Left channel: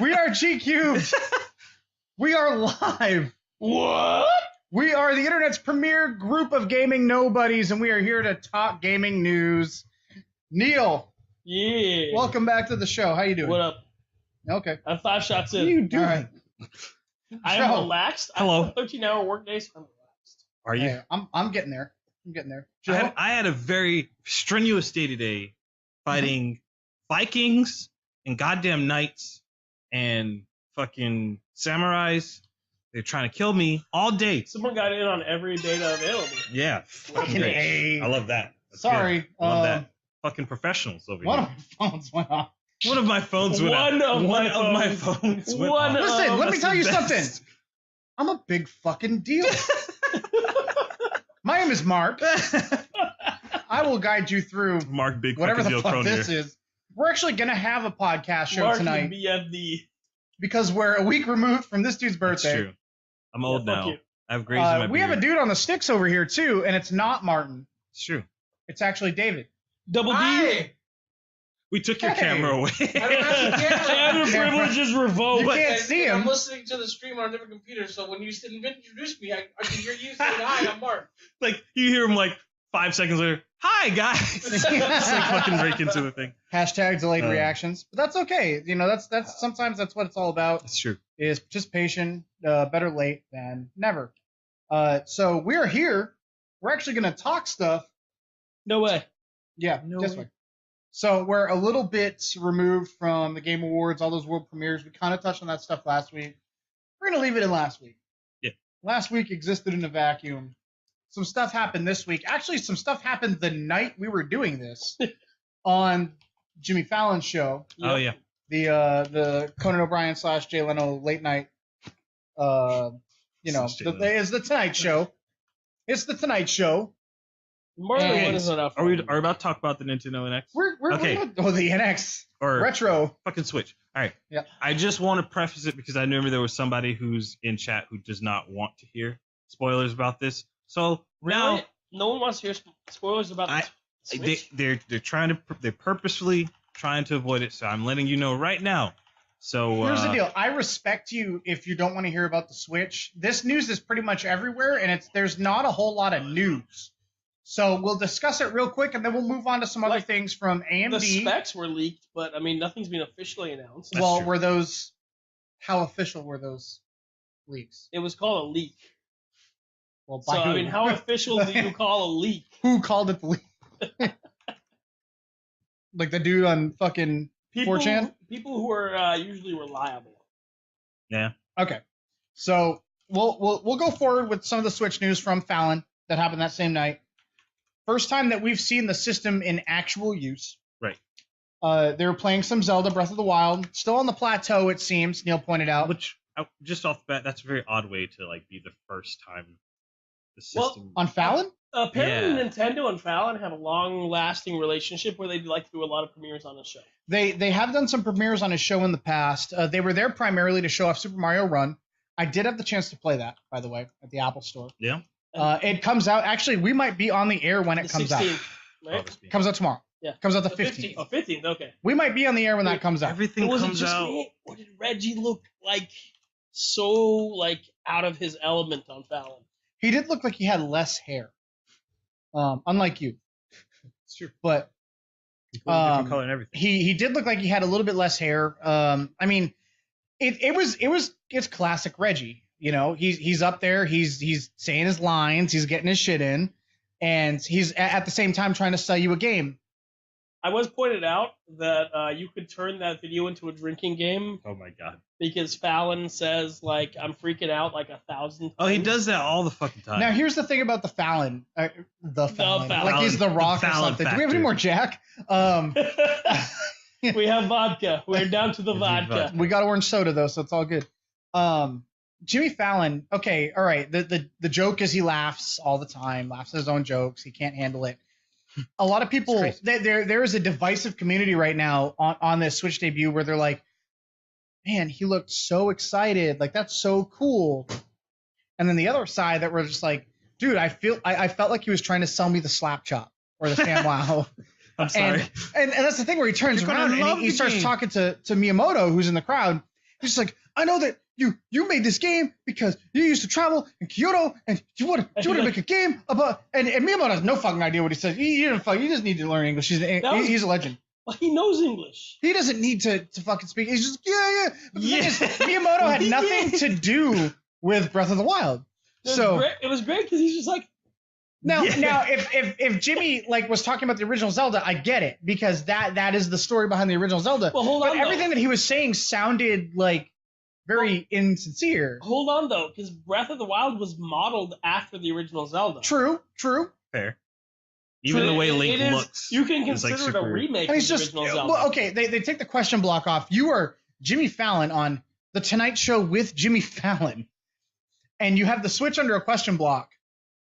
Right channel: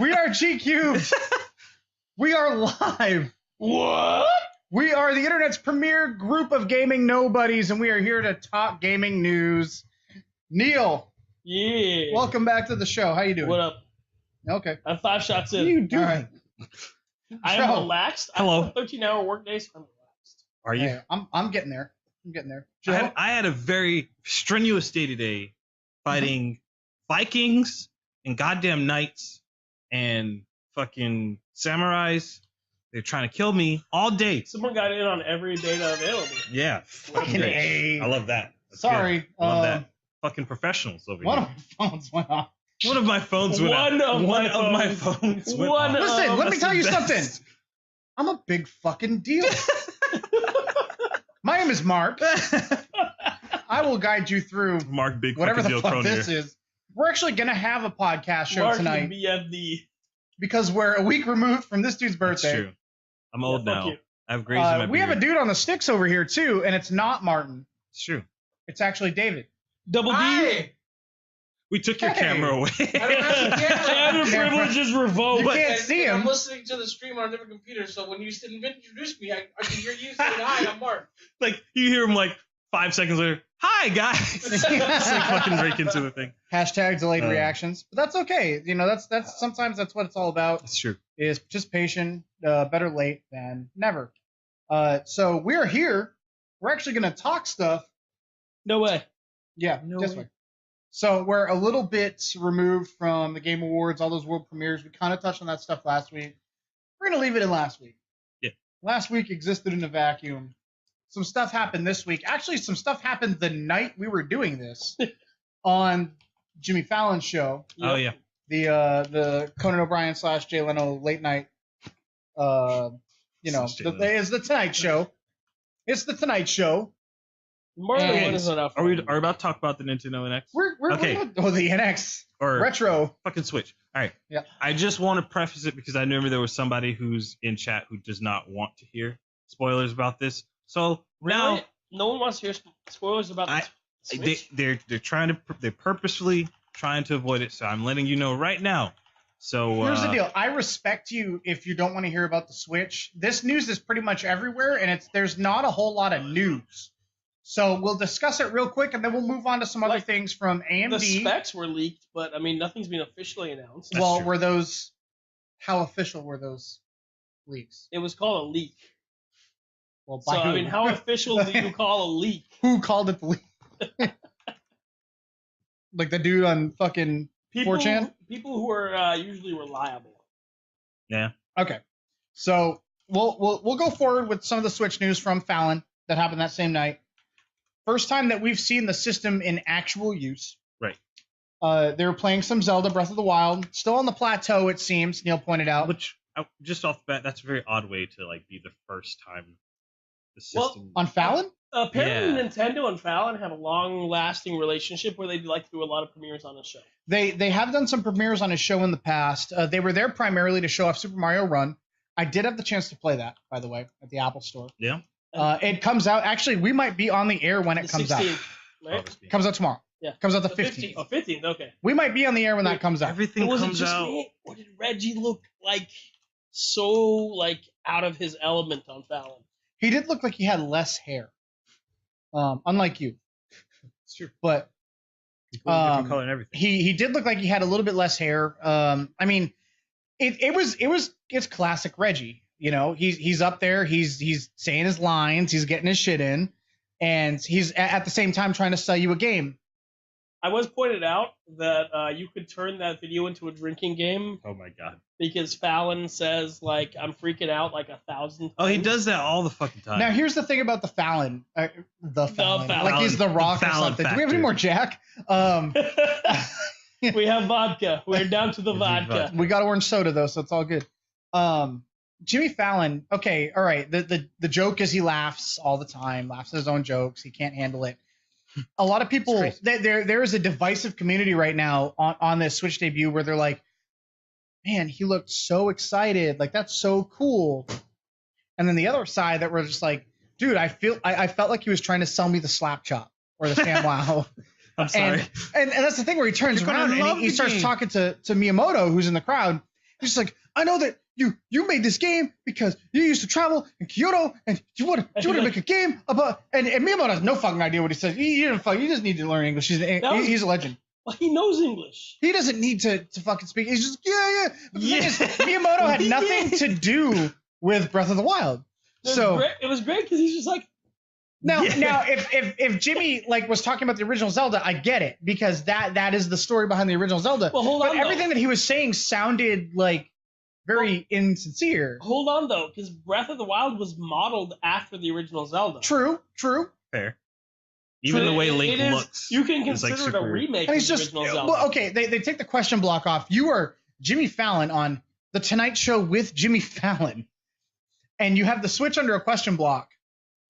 We are GCUB. We are live. What? We are the internet's premier group of gaming nobodies, and we are here to talk gaming news. Neil. Yeah. Welcome back to the show. How you doing? What up? Okay. I'm 5 shots What in. are you doing? All right. I am relaxed. Hello. I have 13-hour work days. I'm relaxed. Are you? Hey, I'm getting there. I'm getting there. I had a very strenuous day today, fighting Vikings and goddamn knights and fucking samurais. They're trying to kill me all day. Someone got in on every data available. Yeah. Fucking A. I love that. That's Sorry. good. Love that. Fucking professionals over One here. of my phones went off. One of my phones went out. One of my phones went off. Listen, let me tell you something. Best. I'm a big fucking deal. My name is Mark. I will guide you through Mark Big whatever fucking the deal fuck Cronier. this is. We're actually going to have a podcast show Mark tonight and BFD. because we're a week removed from this dude's That's birthday. true. I'm old Yeah, fuck now. you. I have grays in my We have a beard. dude on the sticks over here too, and it's not Martin. It's true. It's actually David. Double D. Hi. We took your Hey. camera away. I don't have a camera. And your Yeah, privileges You revoked. can't see I'm him. listening to the stream on a different computer, so when you introduced me, I can hear you saying, hi, I'm Mark. Like, you hear him like 5 seconds later, hi, guys. Just like fucking break into a thing. Hashtag delayed Uh. reactions, but that's okay. You know, that's sometimes that's what it's all about. It's true. Is participation. Better late than never. So we're here. We're actually going to talk stuff. No way. Yeah, No this way. way. So we're a little bit removed from the Game Awards, all those world premieres. We kind of touched on that stuff last week. We're going to leave it in last week. Yeah. Last week existed in a vacuum. Some stuff happened this week. Actually, some stuff happened the night we were doing this on Jimmy Fallon's show. Oh, yeah. The Conan O'Brien / Jay Leno late night. It's the Tonight Show. It's the Tonight Show. More than And- one is enough. Are we about to talk about the Nintendo NX? We're Okay. the NX Or retro. fucking Switch. All right. Yeah. I just want to preface it because I remember there was somebody who's in chat who does not want to hear spoilers about this. So now Really? No one wants to hear spoilers about the Switch? they're purposefully trying to avoid it. So I'm letting you know right now. So Here's the deal. I respect you if you don't want to hear about the Switch. This news is pretty much everywhere, and there's not a whole lot of news. So we'll discuss it real quick, and then we'll move on to some other Like, things from The AMD. specs were leaked, but I mean, nothing's been officially announced. That's Well, true. were those? How official were those leaks? It was called a leak. Well, So, by who? I mean, how official do you call a leak? Who called it the leak? Like the dude on fucking 4chan? People who are usually reliable. Yeah. Okay. So we'll go forward with some of the Switch news from Fallon that happened that same night. First time that we've seen the system in actual use. Right. They were playing some Zelda Breath of the Wild, still on the plateau it seems. Neil pointed out. Which just off the bat, that's a very odd way to like be the first time the system. On Fallon? Apparently, Yeah. Nintendo and Fallon have a long-lasting relationship where they like to do a lot of premieres on the show. They have done some premieres on his show in the past. They were there primarily to show off Super Mario Run. I did have the chance to play that, by the way, at the Apple Store. Yeah. It comes out. Actually, we might be on the air when it The comes out. 16th, right? It comes out tomorrow. Yeah. Comes out the The 15th. 15th. Oh, 15th, okay. We might be on the air when that comes out. Everything Was it comes just out. me, or did Reggie look like so out of his element on Fallon? He did look like he had less hair, unlike you. It's true. But Different color and everything. he did look like he had a little bit less hair. I mean, it's classic Reggie. You know, he's up there. He's saying his lines. He's getting his shit in, and he's at the same time trying to sell you a game. I was pointed out that you could turn that video into a drinking game Oh my god. because Fallon says, like, I'm freaking out like 1,000 Oh, he times. does that all the fucking time. Now, here's the thing about the Fallon. Fallon. Like he's the Rock or Fallon something. Do we have factor. any more Jack? We have vodka. We're down to the vodka. We got orange soda though, so it's all good. Jimmy Fallon. Okay, all right. The joke is he laughs all the time. Laughs at his own jokes. He can't handle it. A lot of people. There is a divisive community right now on this Switch debut where they're like, "Man, he looked so excited. Like that's so cool." And then the other side that were just like, "Dude, I felt like he was trying to sell me the slap chop or the SamWow." I'm sorry. And that's the thing where he turns But I around and love he the starts game. talking to Miyamoto, who's in the crowd. He's just like, I know that you made this game because you used to travel in Kyoto and you want to make a game about. And Miyamoto has no fucking idea what he says. He just need to learn English. He's a legend. Well, he knows English. He doesn't need to fucking speak. He's just yeah. But the thing is, Miyamoto had nothing to do with Breath of the Wild. It was great because he's just like. Now, if Jimmy like was talking about the original Zelda, I get it because that is the story behind the original Zelda. Well, hold but on, everything though. that he was saying sounded like very insincere. Hold on though, because Breath of the Wild was modeled after the original Zelda. True. Fair. Even the way Link it is, looks. you can is, like, consider it a super- remake And of he's the just original Zelda. well, okay. They take the question block off. You are Jimmy Fallon on the Tonight Show with Jimmy Fallon, and you have the switch under a question block,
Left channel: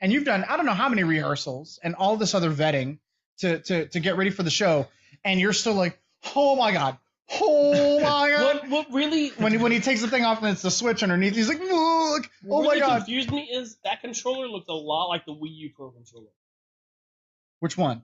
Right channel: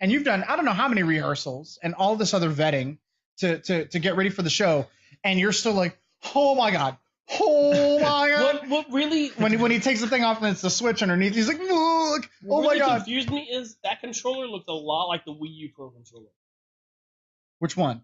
and you've done I don't know how many rehearsals and all this other vetting to get ready for the show, and you're still like, oh my god. What really When he takes the thing off and it's the switch underneath, he's like, look, oh what my really god. confused me is that controller looked a lot like the Wii U Pro controller. Which one?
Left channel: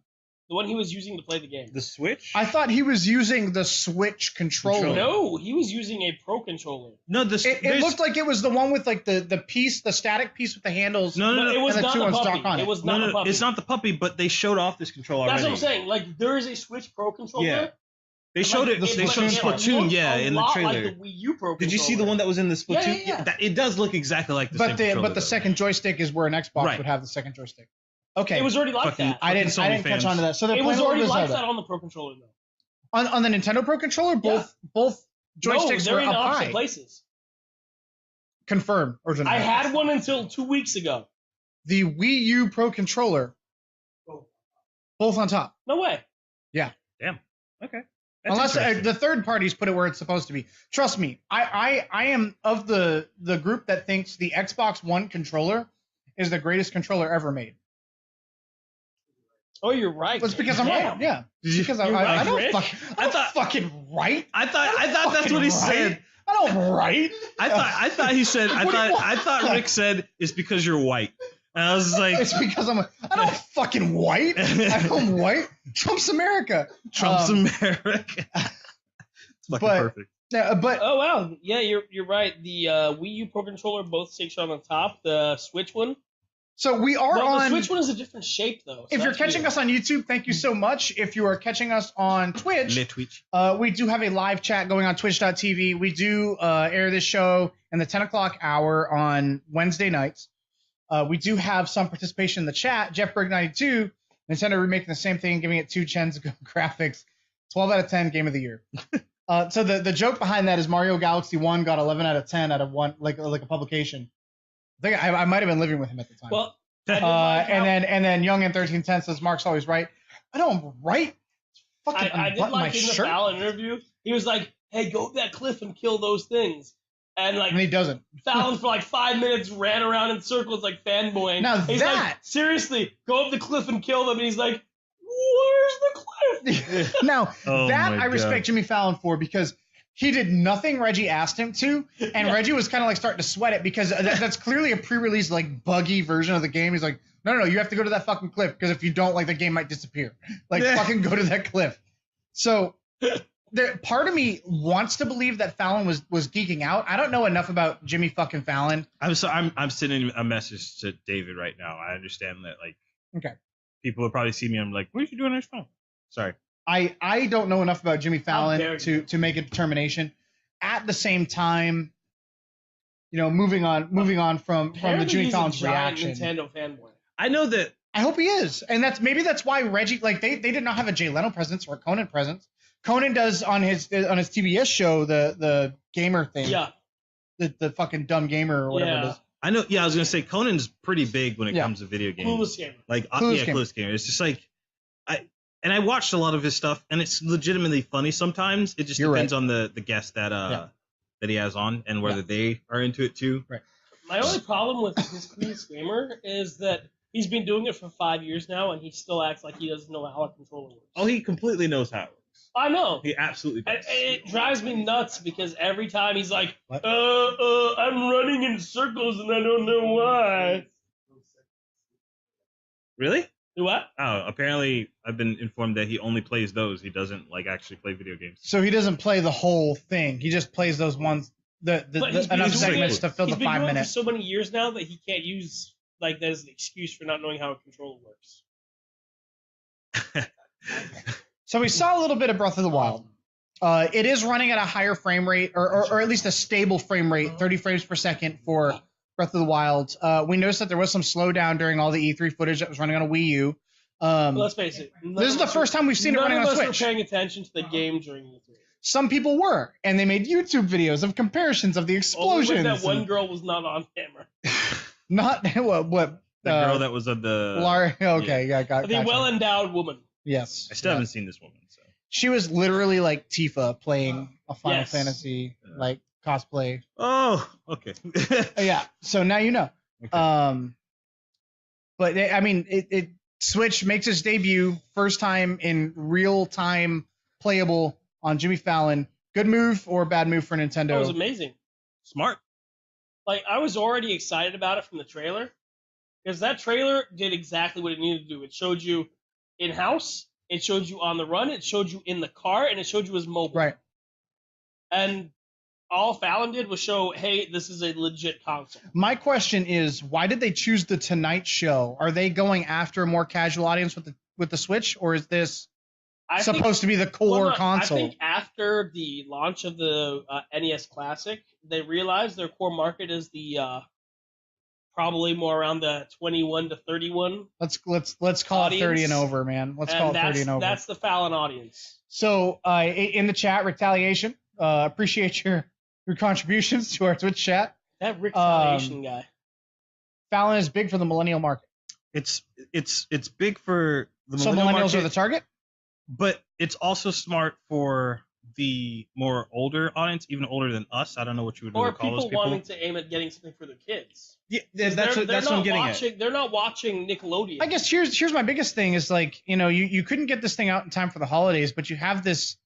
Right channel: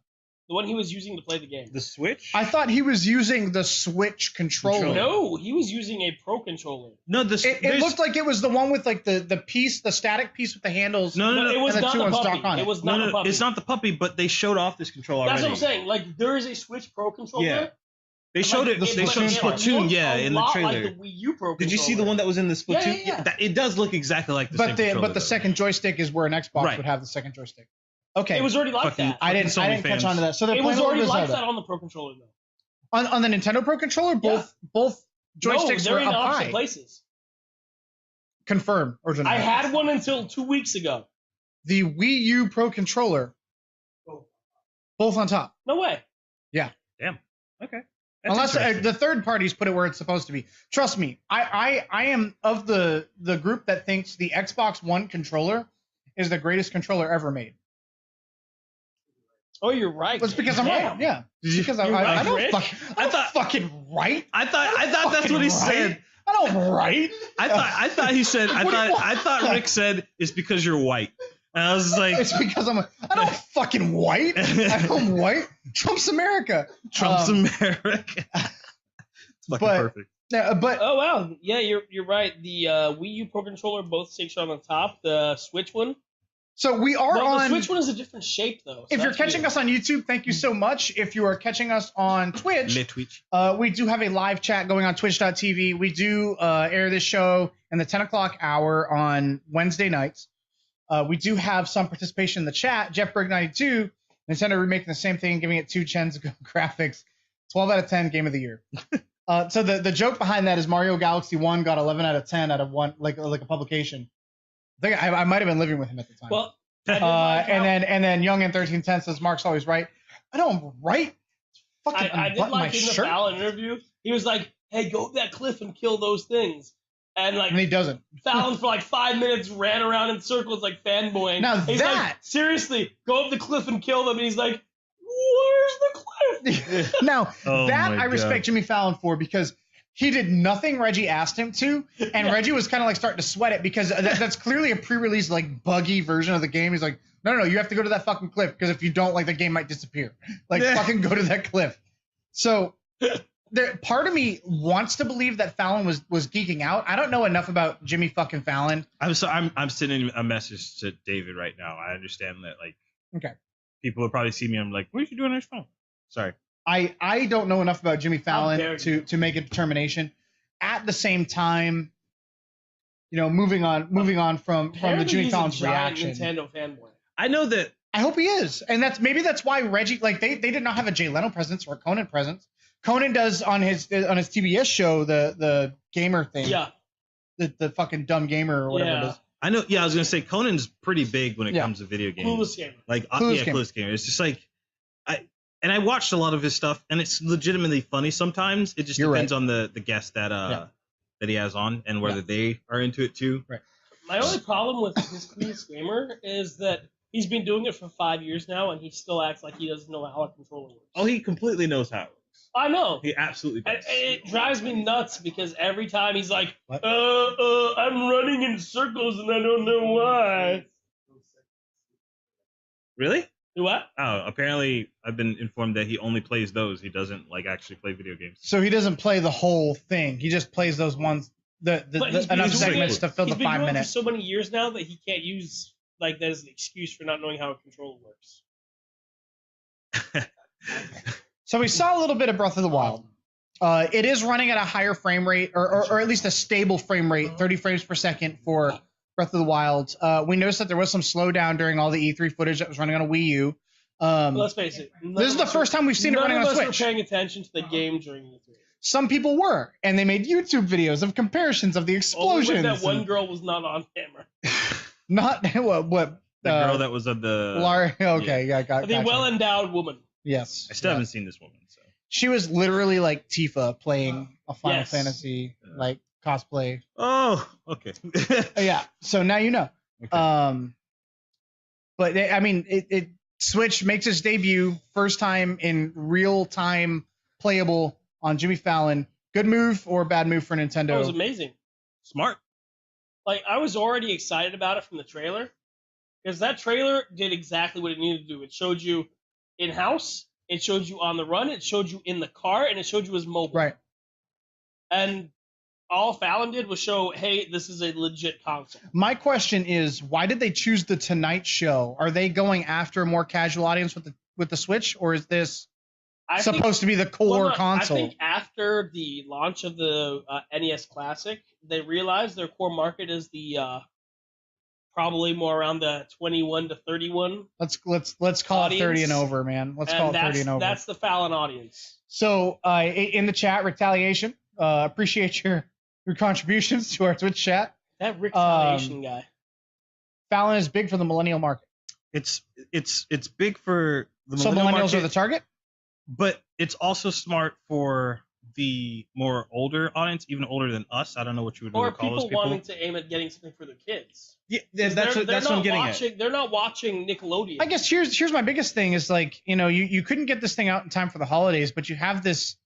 The one he was using to play the game. The Switch? I thought he was using the Switch controller. No, he was using a Pro controller. No, It looked like it was the one with like the piece, the static piece with the handles. No, But it was and the not two the ones puppy. stuck on it. It was not the puppy. it's not the puppy, but they showed off this controller That's already. what I'm saying. Like there is a Switch Pro controller. Yeah. They showed it. the They showed Splatoon. Splatoon, yeah, in the trailer. Like the Wii U Pro Did you see the one that was in the Splatoon? Yeah. It does look exactly like the same controller. But the second joystick is where an Xbox Right. would have the second joystick. Okay. It was already like Fucking- that. I didn't Sony catch fans. on to that. So they're It was playing already with like Zelda. that on the Pro controller though. On the Nintendo Pro controller, both joysticks no, they're were in up opposite high. places. Confirm or deny. I had one until 2 weeks ago. The Wii U Pro controller, both on top. No way. Okay. Unless the third parties put it where it's supposed to be. Trust me, I am of the group that thinks the Xbox One controller is the greatest controller ever made. Oh, you're right. That's because I'm Damn. right. Yeah. Because I right, don't Rick? I thought fucking right. I thought that's what he said. I don't right. I thought he said. What do you want? I thought Rick said it's because you're white. And I was like, It's because I'm not fucking white. I'm white. Trump's America. Trump's America. It's fucking but- perfect. But Oh wow, yeah, you're right. The Wii U Pro controller both sticks are on the top. The Switch one. so we are Well, the on. Switch one is a different shape though. So If you're that's catching weird. us on YouTube, thank you so much. If you are catching us on Twitch, Twitch. we do have a live chat going on twitch.tv. We do air this show in the 10 o'clock hour on Wednesday nights. We do have some participation in the chat. Jeff Berg 92, Nintendo remaking the same thing, giving it 2 chens graphics. 12 out of 10 game of the year. So the joke behind that is Mario Galaxy 1 got 11 out of 10 out of one like a publication. I think I might have been living with him at the time. Well, I did like how- and then Young in 1310 says Mark's always right. I know I'm right. Fucking I did unbutton my like in the shirt. Fallon interview. He was like, "Hey, go up that cliff and kill those things." And like And he doesn't. Fallon for like 5 minutes ran around in circles like fanboying. Now And he's like, that- seriously, go up the cliff and kill them. And he's like, "Where's the cliff?" Now Oh that my I respect God. Jimmy Fallon for because he did nothing Reggie asked him to, and Reggie was kind of like starting to sweat it because that's clearly a pre-release like buggy version of the game. He's like, no, you have to go to that fucking cliff because if you don't, like the game might disappear. Like fucking go to that cliff. So part of me wants to believe that Fallon was geeking out. I don't know enough about Jimmy fucking Fallon. I'm sending a message to David right now. I understand that like Okay. people will probably see me. I'm like, what are you doing on your phone? Sorry. I don't know enough about Jimmy How dare Fallon to make a determination. At the same time, moving on from the Apparently Jimmy he's a Fallon's giant reaction. Nintendo fanboy. I know that. I hope he is, and maybe that's why Reggie like they did not have a Jay Leno presence or a Conan presence. Conan does on his TBS show the gamer thing, Yeah, the fucking dumb gamer or whatever it yeah. is. I know. Yeah, I was gonna say Conan's pretty big when it Yeah. comes to video games. Clueless game. Like Clueless game. Clueless game. It's just like I watched a lot of his stuff, and it's legitimately funny sometimes. It just You're depends on the guest that Yeah. that he has on and whether they are into it too. Right. My only problem with his Clueless gamer is that he's been doing it for 5 years now, and he still acts like he doesn't know how a controller works. Oh, he completely knows how it works. I know. He absolutely And does. it drives me nuts because every time he's like, What? I'm running in circles and I don't know why. Really? Do what? Oh, apparently I've been informed that he only plays those. He doesn't like actually play video games. So he doesn't play the whole thing. He just plays those ones, But he's been enough doing segments it- to fill he's the been 5 doing it minutes. for so many years now that he can't use like that as an excuse for not knowing how a controller works. So we saw a little bit of Breath of the Wild. It is running at a higher frame rate, or at least a stable frame rate, 30 frames per second for Breath of the Wild. We noticed that there was some slowdown during all the E3 footage that was running on a Wii U. Well, let's face it. This is the first time we've seen it running on None of us Switch. were paying attention to the game during the E3. Some people were, and they made YouTube videos of comparisons of the explosions. That one girl was not on camera. Not what The girl that was of the. Okay, yeah, got The well-endowed woman. Yes. I still haven't seen this woman. So. She was literally like Tifa playing a Final Yes. Fantasy like cosplay. Oh, okay. Yeah, so now you know. Okay. But I mean, it Switch makes its debut, first time in real time playable on Jimmy Fallon. Good move or bad move for Nintendo? That was amazing. Smart. Like, I was already excited about it from the trailer. Because that trailer did exactly what it needed to do. It showed you in-house, it showed you on the run, it showed you in the car, and it showed you as mobile. Right. And all Fallon did was show, hey, this is a legit console. My question is, why did they choose the Tonight Show? Are they going after a more casual audience with the Switch, or is this supposed to be the core console? I think after the launch of the NES Classic, they realized their core market is the probably more around the 21 to 31. Let's call audience. it 30 and over, man. Let's call it 30 and over. That's the Fallon audience. So in the chat, Retaliation, appreciate your contributions to our Twitch chat. That Retaliation guy. Fallon is big for the millennial market. It's big for the So millennial millennials market, are the target? but it's also smart for the more older audience, even older than us. I don't know what you would Or call people those people. wanting to aim at getting something for their kids. Yeah, They're that's what I'm getting at. They're not watching Nickelodeon. I guess here's my biggest thing is like, you couldn't get this thing out in time for the holidays, but you have this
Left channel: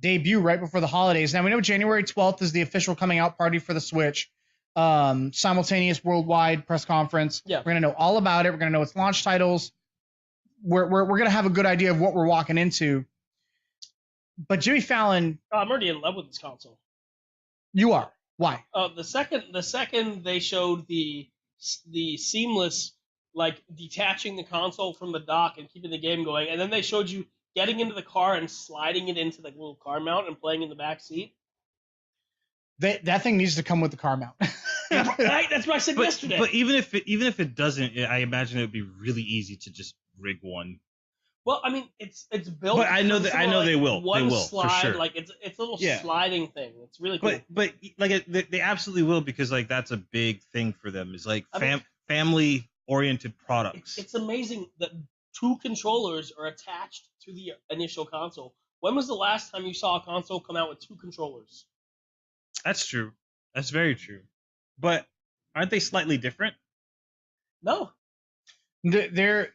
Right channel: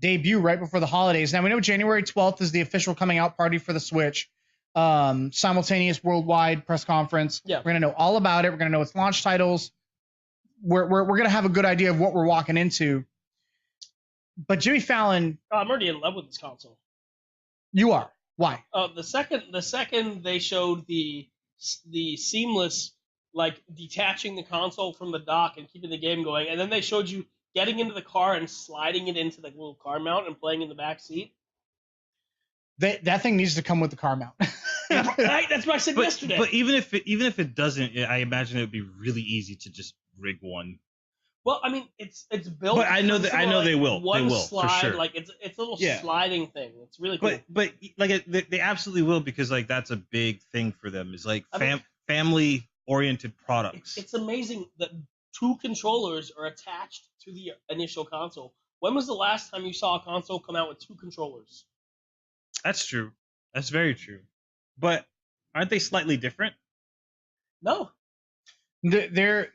debut right before the holidays. Now we know January 12th is the official coming out party for the Switch. Simultaneous worldwide press conference. Yeah. We're gonna know all about it. We're gonna know its launch titles. We're gonna have a good idea of what we're walking into. But Jimmy Fallon, I'm already in love with this console. you are. Why? The second they showed the seamless, like, detaching the console from the dock and keeping the game going, and then they showed you getting into the car and sliding it into the little car mount and playing in the back seat. That thing needs to come with the car mount. Right? That's what I said yesterday. But even if it doesn't, I imagine it would be really easy to just rig one. Well, I mean, it's built. But I know they will. One They will, slide, for sure. like it's a little Yeah. sliding thing. It's really cool. But like they absolutely will, because like that's a big thing for them. Is like I mean, family oriented products. It's amazing that 2 controllers are attached to the initial console. When was the last time you saw a console come out with 2 controllers? That's true. That's very true. But aren't they slightly different? No. They're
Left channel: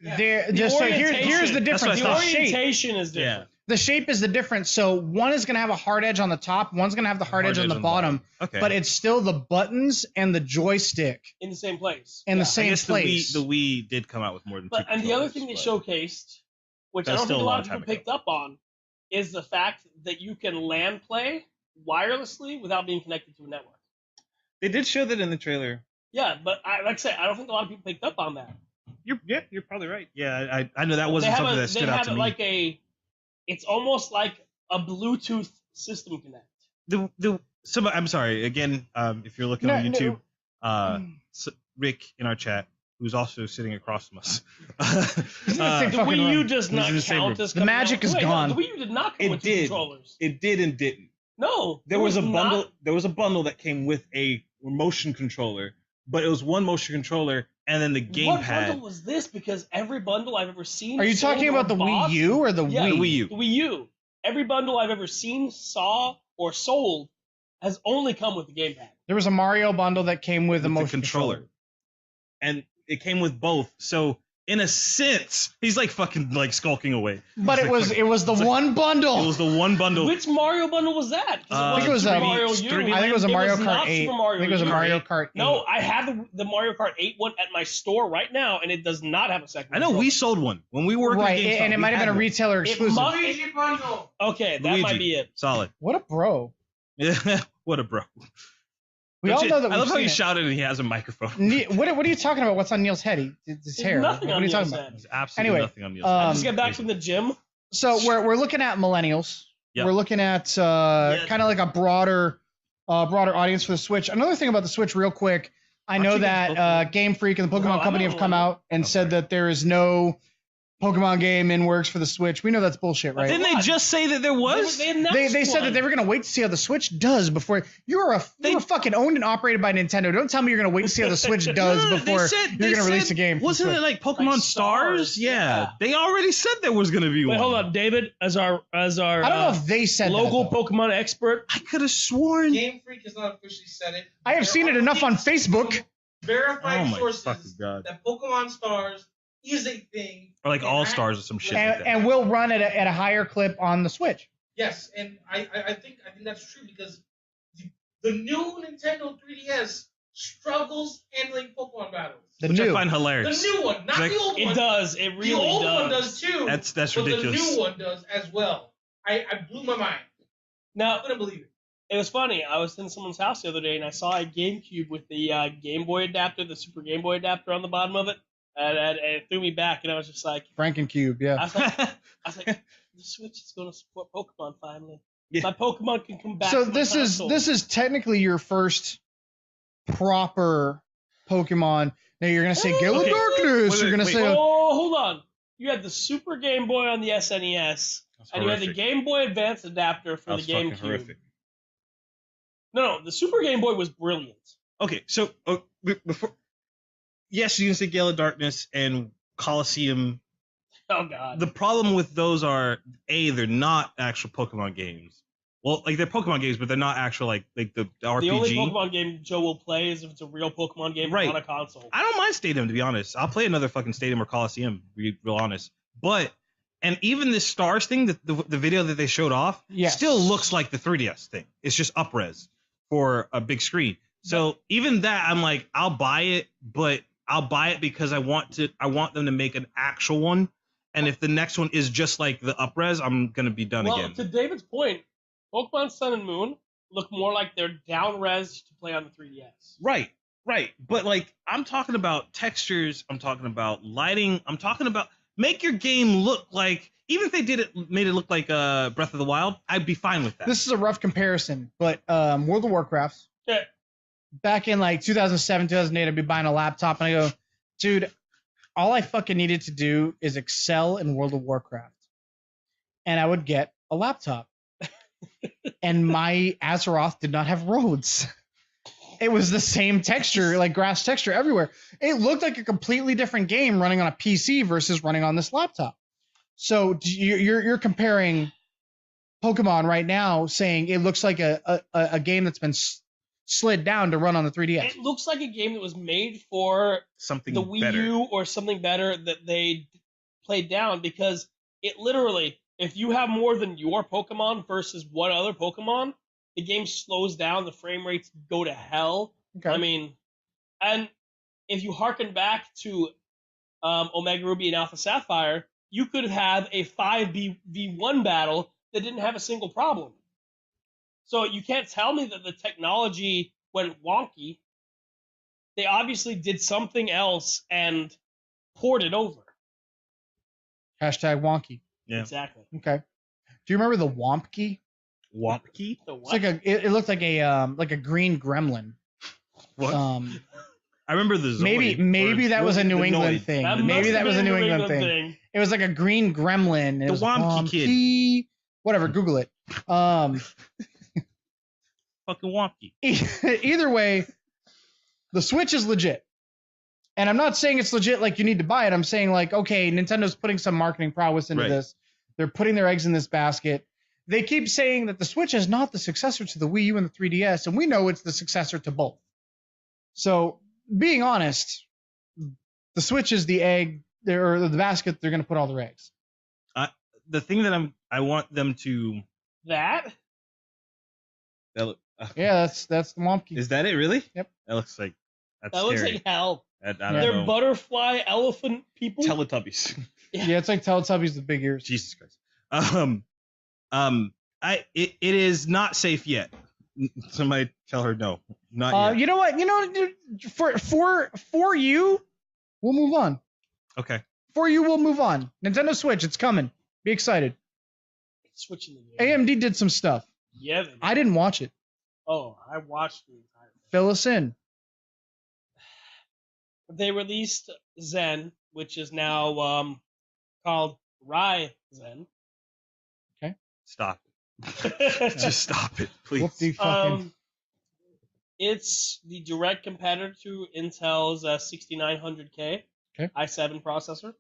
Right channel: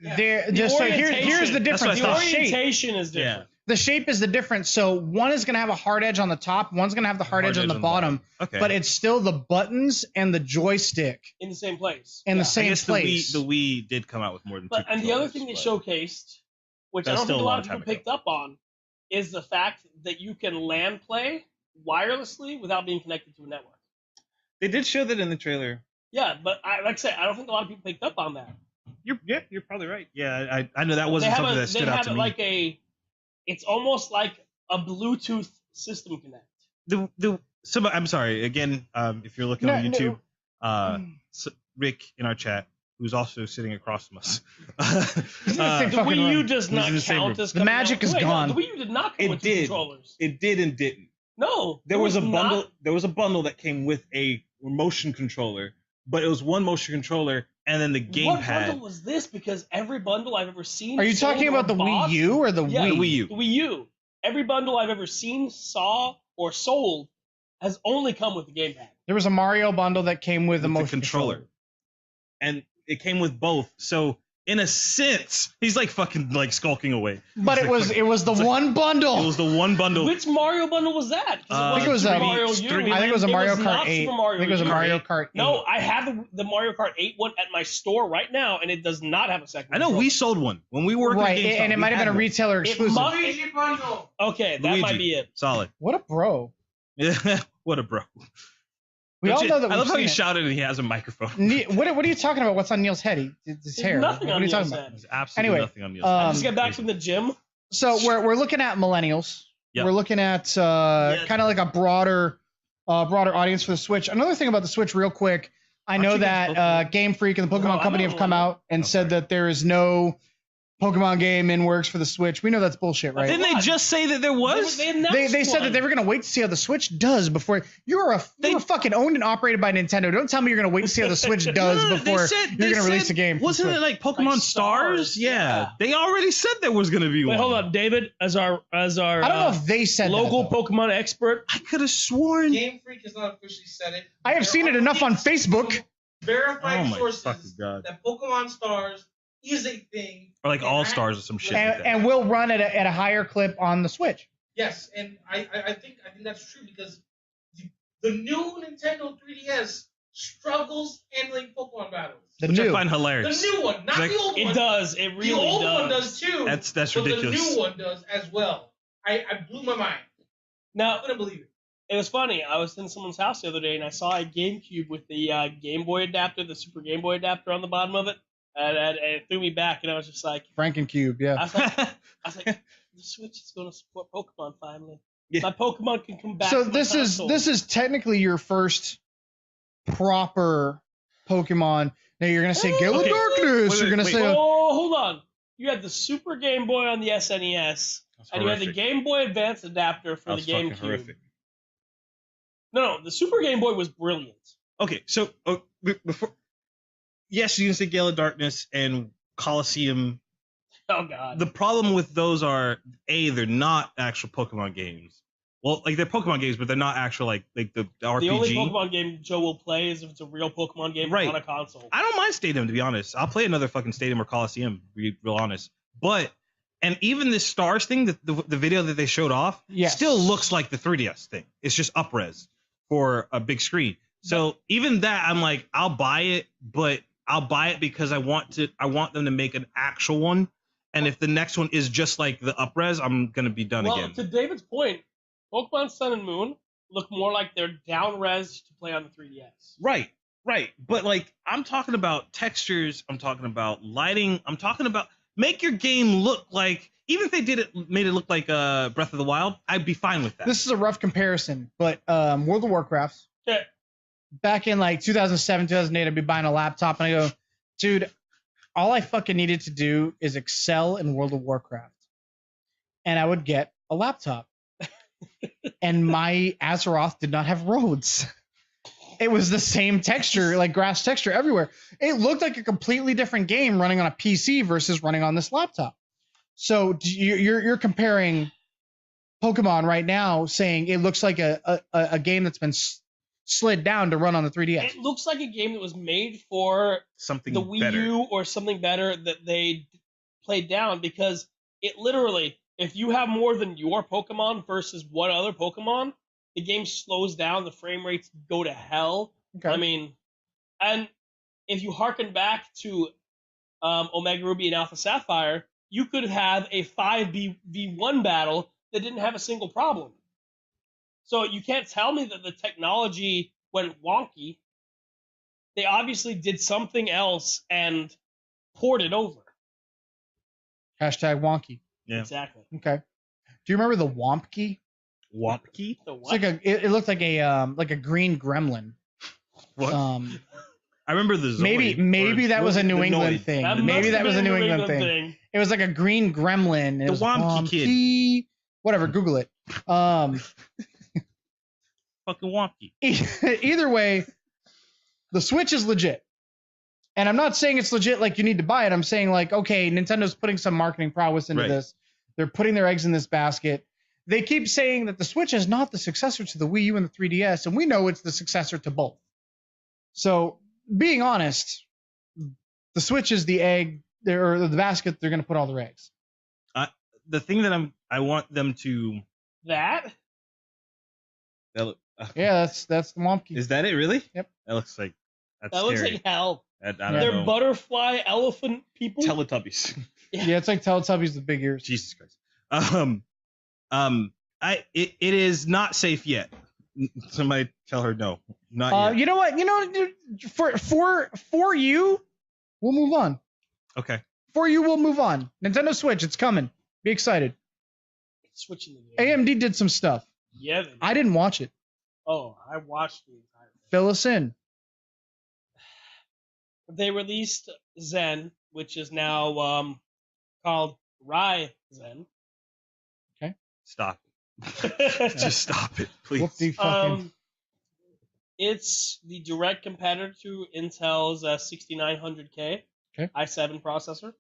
just so here's the difference. That's The what I thought. orientation is different. The shape is the difference. So one is going to have a hard edge on the top, one's going to have the hard edge on the bottom, Okay. but it's still the buttons and the joystick In the same place. in the I same guess place. the Wii did come out with more than 2 And the other controllers, thing they but- showcased, which I That's don't think still a a lot long of people time ago. picked up on, is the fact that you can LAN play wirelessly without being connected to a network. They did show that in the trailer. Yeah, but like I said, I don't think a lot of people picked up on that. You're probably right. Yeah, I know that wasn't something that stood out to me. It's almost like a Bluetooth system connect. I'm sorry again. If you're looking on No, YouTube, Rick in our chat, who's also sitting across from us, He's in the same The fucking Wii room. U does not in the same count room. as The coming magic with- is wait, gone. The Wii U did not come It with 2 did. controllers. It did and didn't. No, There it was a not. bundle. There was a bundle that came with a motion controller, but it was one motion controller and then the What gamepad. bundle was this? Because every bundle I've ever seen. Are you sold talking or about the bought- Wii U or the Yeah, Wii? The Wii U. The Wii U. Every bundle I've ever seen, saw, or sold has only come with the gamepad. There was a Mario bundle that came with a With the motion controller. And it came with both. So in a sense, he's like fucking like skulking away. But He's it like was fucking- it was the it's like- one bundle. It was the one bundle. Which Mario bundle was that? 'Cause I think it was Super a- Mario U. 3D I think it was a Mario Kart not 8. Super I Mario think it was a U. Mario Kart 8. No, I have the Mario Kart 8 one at my store right now, and it does not have a second. I know controller. we sold one when we were working Right, at GameStop, and it we might have had been a one. retailer exclusive. must- Luigi bundle. Okay, that Luigi. might be it. Solid. What a bro. What a bro. We all Don't know that I we've love how seen he it. shouted and he has a microphone. What are you talking about? What's on Neil's head? His There's hair. nothing What on are you Neil's talking about? head. There's absolutely Anyway, nothing on the I just got back from the gym. So we're looking at millennials. Yep. We're looking at Yes. kind of like a broader audience for the Switch. Another thing about the Switch, real quick, I Aren't know you that guys Game Freak and the Pokemon No, I'm Company not have come one. out and said that there is no Pokemon game in works for the Switch. We know that's bullshit, right? Didn't they just say that there was? They said that they were going to wait to see how the Switch does before you're fucking owned and operated by Nintendo. Don't tell me you're going to wait to see how the Switch does No, before you're going to release a game. for Wasn't Switch. it like Pokemon Like Stars? Stars, Yeah. yeah. They already said there was going to be Wait, one. hold up, David, as our I don't know if they said local that, though. Pokemon expert. I could have sworn. Game Freak has not officially said it. I have seen it enough on Facebook. Verified Oh my sources fucking God. that Pokemon Stars is a thing. Or like And All I- Stars or some shit like that. And will run at a higher clip on the Switch. Yes, and I think that's true because the new Nintendo 3DS struggles handling Pokemon battles. The Which I new. find The hilarious. new one, not Like, the old It one. does. It The really old one does does. too. That's but ridiculous. the new one does as well. I blew my mind. Now, I couldn't believe it. it was funny. I was in someone's house the other day, and I saw a GameCube with the Game Boy adapter, the Super Game Boy adapter on the bottom of it, and it threw me back. And I was just like, Frankencube, yeah. I was like, the Switch is going to support Pokemon finally. Yeah. My Pokemon can come back. So to the console. this is technically your first proper Pokemon. Now you're gonna say Gale of Okay. Darkness. Wait, You're gonna wait, say Oh, hold on. You had the Super Game Boy on the SNES, and you had the Game Boy Advance adapter for the GameCube. No, the Super Game Boy was brilliant. Okay, so before, yes, you can say Gale of Darkness and Coliseum. Oh God. The problem with those are they're not actual Pokemon games. Well, like they're Pokemon games, but they're not actual like the RPG. The only Pokemon game Joe will play is if it's a real Pokemon game Right. on a console. I don't mind Stadium, to be honest. I'll play another fucking Stadium or Coliseum, to be real honest. But and even this Stars thing, the video that they showed off, Yes. still looks like the 3DS thing. It's just up-res for a big screen. So even that, I'm like, I'll buy it, but I'll buy it because I want them to make an actual one. And if the next one is just like the up-res, I'm gonna be done Well, again. to David's point, Pokemon Sun and Moon look more like they're down-res to play on the 3DS. Right. But like, I'm talking about textures. I'm talking about lighting. I'm talking about make your game look like. Even if they made it look like Breath of the Wild, I'd be fine with that. this is a rough comparison, but World of Warcraft. Okay. Back in like 2007, 2008, I'd be buying a laptop and I go, dude, all I fucking needed to do is excel in World of Warcraft. And I would get a laptop. And my Azeroth did not have roads. It was the same texture, like grass texture everywhere. It looked like a completely different game running on a PC versus running on this laptop. So you're comparing Pokemon right now, saying it looks like a game that's been slid down to run on the 3DS. It looks like a game that was made for Something the Wii better. U or something better that they played down, because it literally, if you have more than your Pokemon versus one other Pokemon, the game slows down, the frame rates go to hell. Okay. I mean, and if you harken back to Omega Ruby and Alpha Sapphire, you could have a 5v1 battle that didn't have a single problem. So you can't tell me that the technology went wonky. They obviously did something else and poured it over. Hashtag wonky. Yeah. Exactly. Okay. Do you remember the Womp Key? Wapki? The It's what? like it looked like a green gremlin. What? Um, I remember the Zoid, maybe or that was a New the England Noid. thing. That Maybe must that have was a been New England thing. It was like a green gremlin. It The was Womp Key kid. Key. Whatever, Google it. Fucking Wapki. Either way, the Switch is legit. And I'm not saying it's legit like you need to buy it. I'm saying like, okay, Nintendo's putting some marketing prowess into Right. this. They're putting their eggs in this basket. They keep saying that the Switch is not the successor to the Wii U and the 3DS, and we know it's the successor to both. So, being honest, the Switch is the egg or the basket they're going to put all their eggs. The thing that I want them to. That? Yeah, that's the monkey. Is that it? Really? Yep. That looks like. That's That looks scary. like hell. I don't They're know. butterfly elephant people. Teletubbies. Yeah, it's like Teletubbies with big ears. Jesus Christ. It is not safe yet. Somebody tell her no. Not yet. You know what? For you, we'll move on. Okay. For you, we'll move on. Nintendo Switch, it's coming. Be excited. Switching the game. AMD did some stuff. Yeah. I didn't watch it. Oh, I watched the entire thing. Fill us in. They released Zen, which is now called Ryzen. Stop. Just stop it, please. Whoop the fucking. It's the direct competitor to Intel's 6900K i7 processor.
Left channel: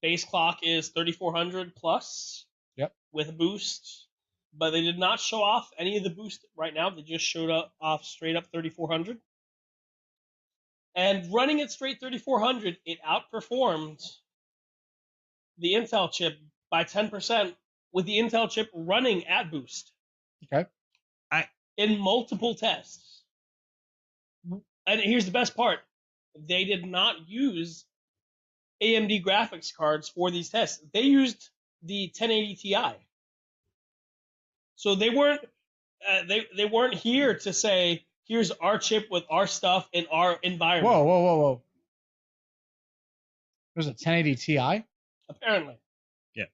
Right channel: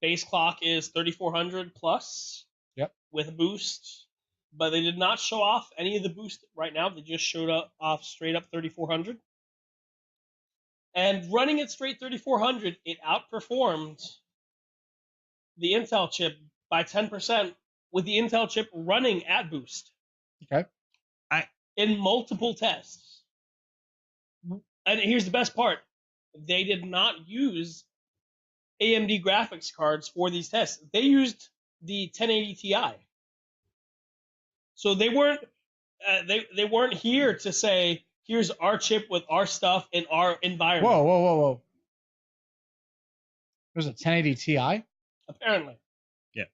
Base clock is 3400 plus. Yep. With a boost, but they did not show off any of the boost right now. They just showed off straight up 3400. And running it straight 3400, it outperformed the Intel chip by 10% with the Intel chip running at boost. Okay. In multiple tests. And here's the best part. They did not use AMD graphics cards for these tests. They used the 1080 Ti. So they weren't here to say, here's our chip with our stuff in our environment. Whoa. There's a 1080 Ti? Apparently. Yeah.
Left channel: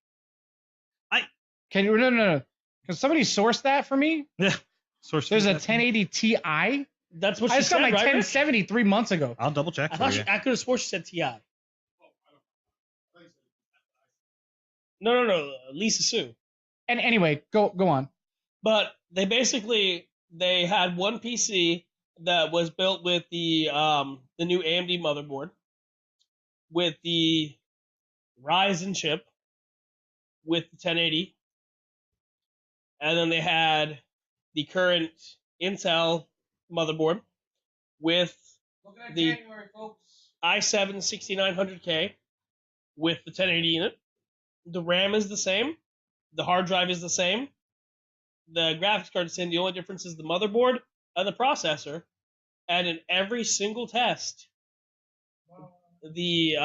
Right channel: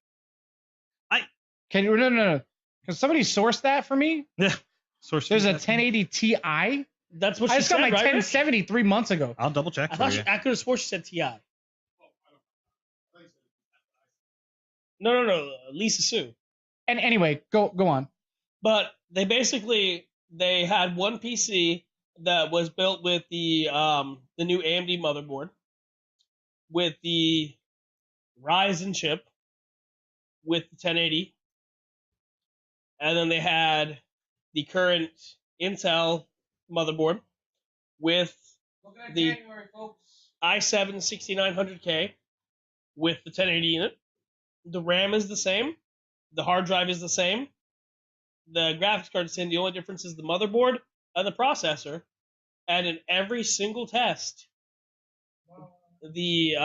Can you no. Can somebody source that for me? Yeah. Source. There's a 1080 Ti? That's what I she just said, got my right? 1070 3 months ago. I'll double check for you. I could have sworn she said Ti. No. Lisa Sue. And anyway, go on. But they had one PC that was built with the new AMD motherboard, with the Ryzen chip, with the 1080, and then they had the current Intel motherboard with the i7 6900K with the 1080 in it. The RAM is the same. The hard drive is the same. The graphics card is the same. The only difference is the motherboard and the processor. And in every single test, the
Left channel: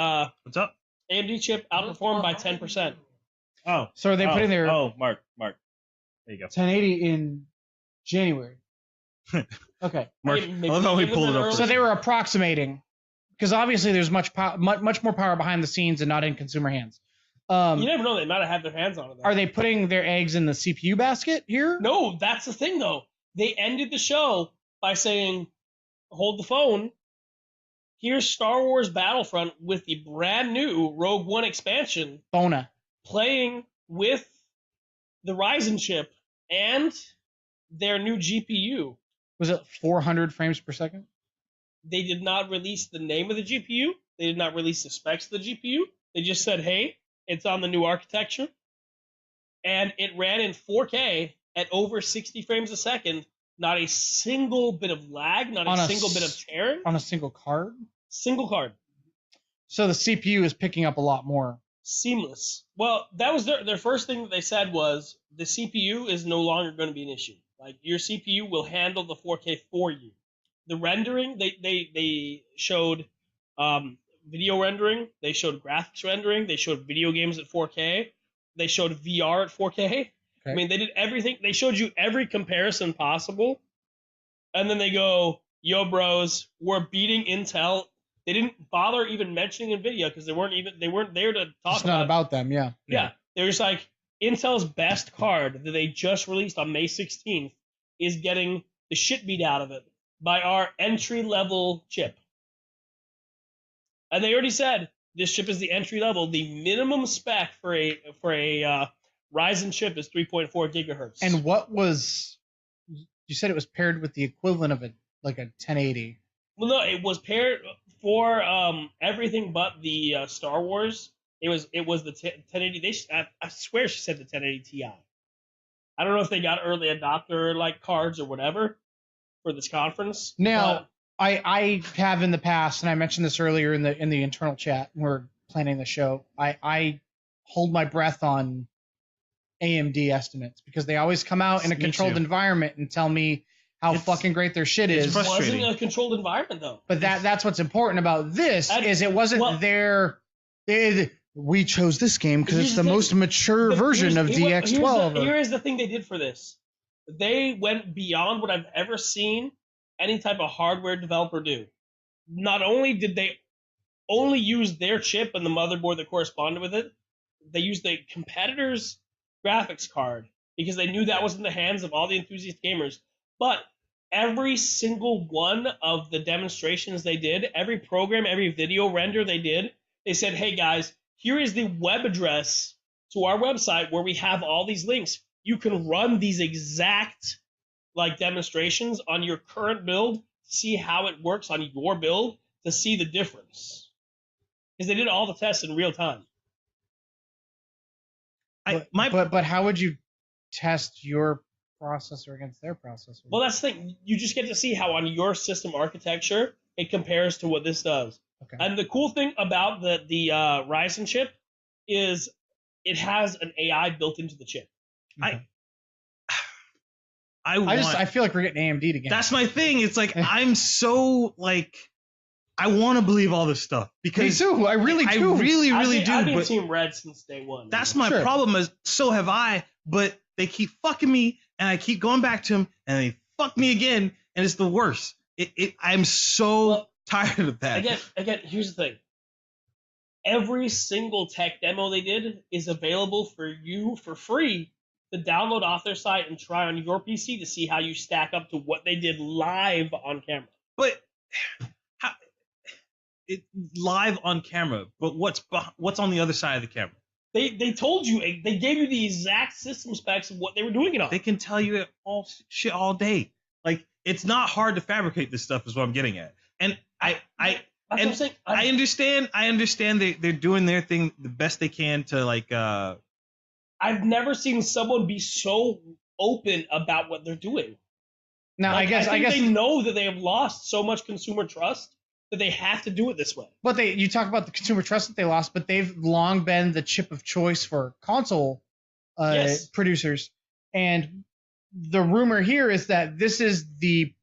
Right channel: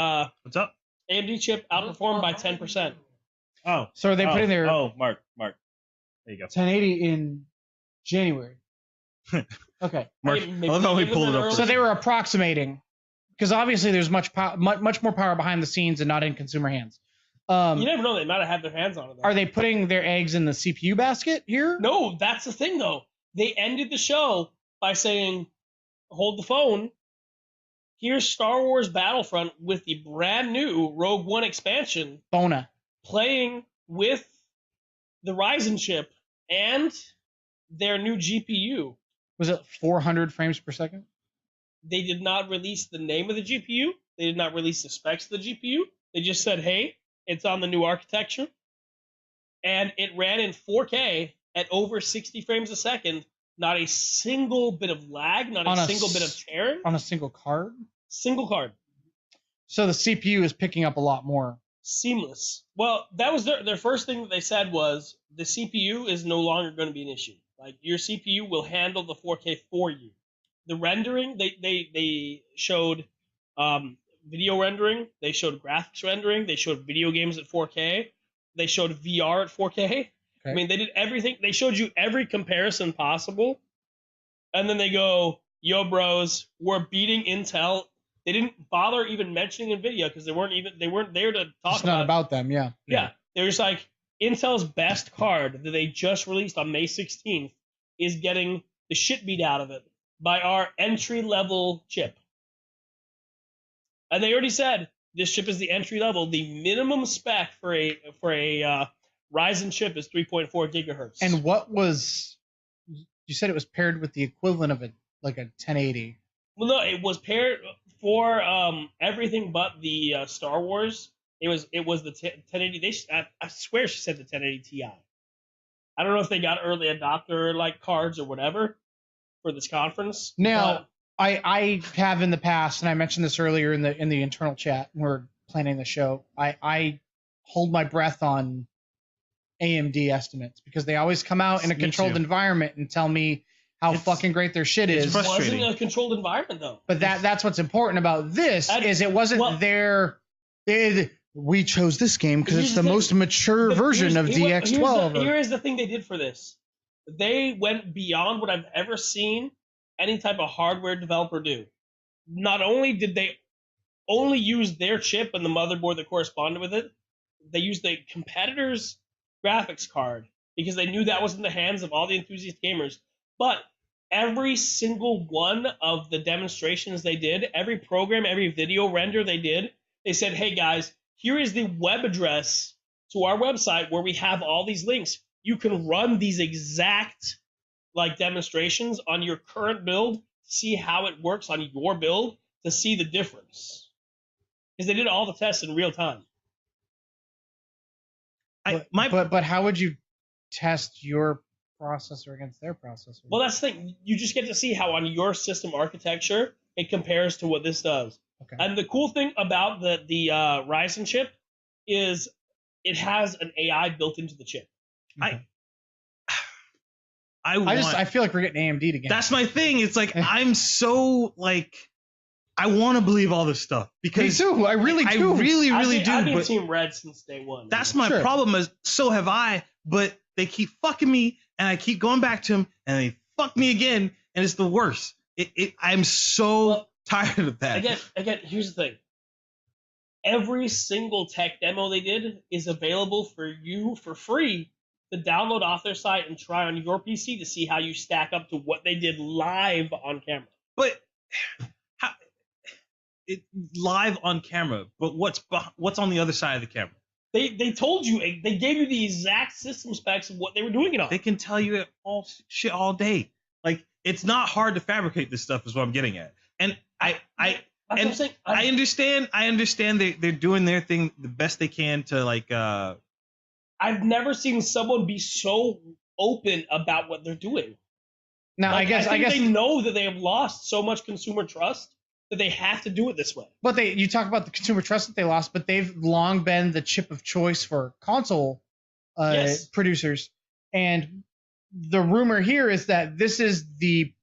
What's up? AMD chip outperformed by 10%. Oh. So they put in there Oh, Mark. There you go. 1080 in January. Okay. Mark, Maybe I love how we even pull it better. up. So they were approximating, because obviously there's much more power behind the scenes and not in consumer hands. You never know. They might have had their hands on it. Are they putting their eggs in the CPU basket here? No, that's the thing, though. They ended the show by saying, hold the phone. Here's Star Wars Battlefront with the brand new Rogue One expansion Bona. playing with the Ryzen chip and their new GPU. Was it 400 frames per second? They did not release the name of the GPU. They did not release the specs of the GPU. They just said, hey, it's on the new architecture. And it ran in 4K at over 60 frames a second. Not a single bit of lag, not a single bit of tearing. On a single card? Single card. So the CPU is picking up a lot more. Seamless. Well, that was their first thing that they said was the CPU is no longer going to be an issue. Like, your CPU will handle the 4K for you. The rendering, they showed video rendering, they showed graphics rendering, they showed video games at 4K, they showed VR at 4K. Okay. I mean, they did everything. They showed you every comparison possible, and then they go, "Yo, bros, we're beating Intel." They didn't bother even mentioning NVIDIA because they weren't there to talk It's not about them, yeah. Yeah, there's like Intel's best card that they just released on May 16th is getting the shit beat out of it by our entry-level chip. And they already said this chip is the entry level. The minimum spec for a Ryzen chip is 3.4 gigahertz. And what was, you said it was paired with the equivalent of a 1080. Well, no, it was paired for everything but the Star Wars. It was the 1080. I swear she said the 1080 Ti. I don't know if they got early adopter cards or whatever for this conference. Now, I have in the past, and I mentioned this earlier in the internal chat when we're planning the show. I hold my breath on AMD estimates because they always come out in a Me controlled too. environment and tell me how It's- fucking great their shit it's is. It wasn't frustrating. a controlled environment though. But that's what's important about this is it wasn't we chose this game because Here's it's the the thing. most mature But version of DX12. Here is the thing they did for this. They went beyond what I've ever seen any type of hardware developer do. Not only did they only use their chip and the motherboard that corresponded with it, they used the competitor's graphics card because they knew that was in the hands of all the enthusiast gamers. But every single one of the demonstrations they did, every program, every video render they did, they said, hey guys, here is the web address to our website where we have all these links. You can run these exact like demonstrations on your current build, see how it works on your build, to see the difference. Because they did all the tests in real time. But how would you test your processor against their processor? Well, that's the thing. You just get to see how on your system architecture it compares to what this does. Okay. And the cool thing about the Ryzen chip is it has an AI built into the chip. Okay. I feel like we're getting AMD again. That's my thing. It's like I'm so like I want to believe all this stuff Me because too. I really I do. really I've do. been But Team Red since day one. that's my Sure. problem. Is so have I. But they keep fucking me, and I keep going back to them, and they fuck me again, and it's the worst. I'm so tired of that. Again, here's the thing. Every single tech demo they did is available for you for free to download off their site and try on your PC to see how you stack up to what they did live on camera. But how, live on camera. But what's on the other side of the camera? They told you, they gave you the exact system specs of what they were doing it on. They can tell you all shit all day. Like it's not hard to fabricate this stuff. Is what I'm getting at. And I understand they're doing their thing the best they can to like. I've never seen someone be so open about what they're doing. Now, Like, I guess they know that they have lost so much consumer trust that they have to do it this way. But you talk about the consumer trust that they lost, but they've long been the chip of choice for console Yes. producers. And the rumor here is that this is the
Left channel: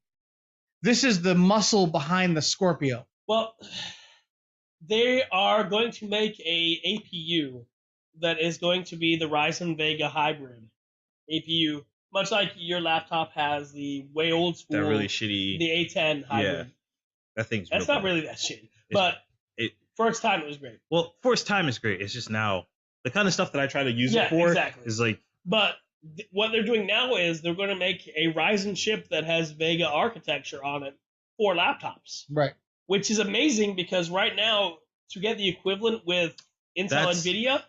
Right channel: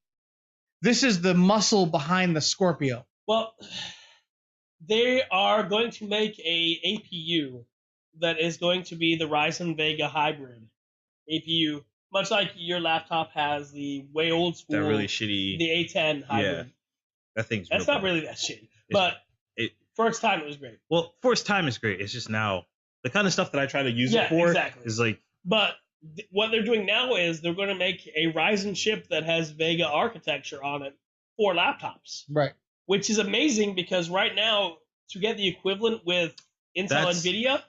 muscle behind the Scorpio. Well, they are going to make a APU that is going to be the Ryzen Vega hybrid APU, much like your laptop has the way old school, that really shitty. the A10 hybrid. Yeah, that thing's. That's not really that shitty, but for its time it was great. Well, for its time, it's great. It's just now the kind of stuff that I try to use it for is like. But what they're doing now is they're going to make a Ryzen chip that has Vega architecture on it for laptops. Right. Which is amazing because right now, to get the equivalent with Intel NVIDIA,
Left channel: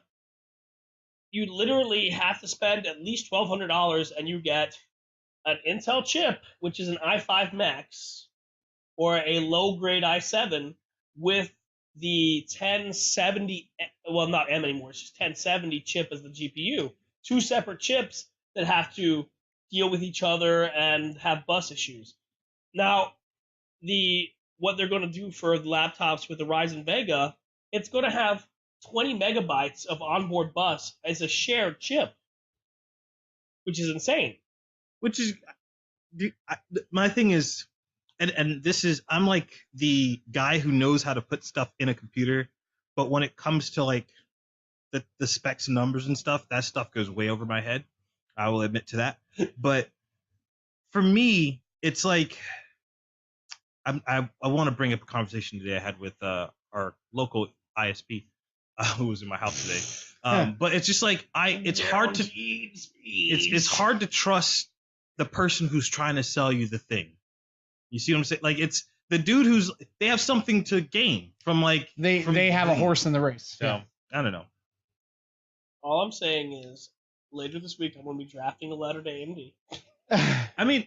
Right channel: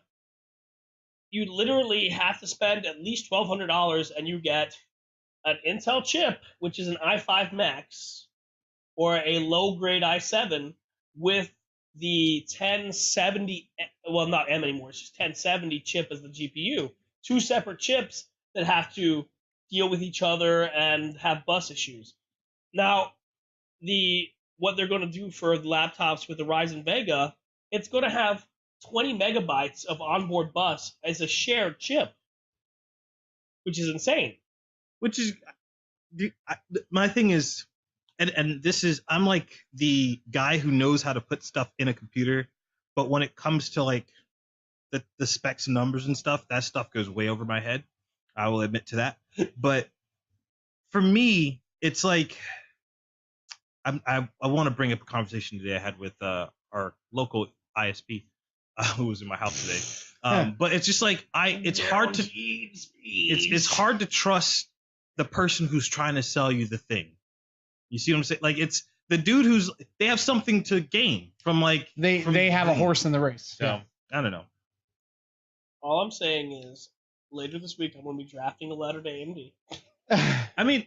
you literally have to spend at least $1,200 and you get an Intel chip, which is an i5 Max, or a low-grade i7 with the 1070, well, not M anymore, it's just 1070 chip as the GPU. Two separate chips that have to deal with each other and have bus issues. Now, what they're going to do for the laptops with the Ryzen Vega, it's going to have 20 megabytes of onboard bus as a shared chip, which is insane. Which is my thing is, and this is I'm like the guy who knows how to put stuff in a computer, but when it comes to like the specs and numbers and stuff, that stuff goes way over my head. I will admit to that. But for me, it's like I want to bring up a conversation today I had with our local ISP who was in my house today. But it's just like it's hard to trust the person who's trying to sell you the thing. You see what I'm saying? Like it's the dude they have something to gain from like they have a horse in the race. So I don't know. All I'm saying is later this week I'm going to be drafting a letter to AMD. I mean,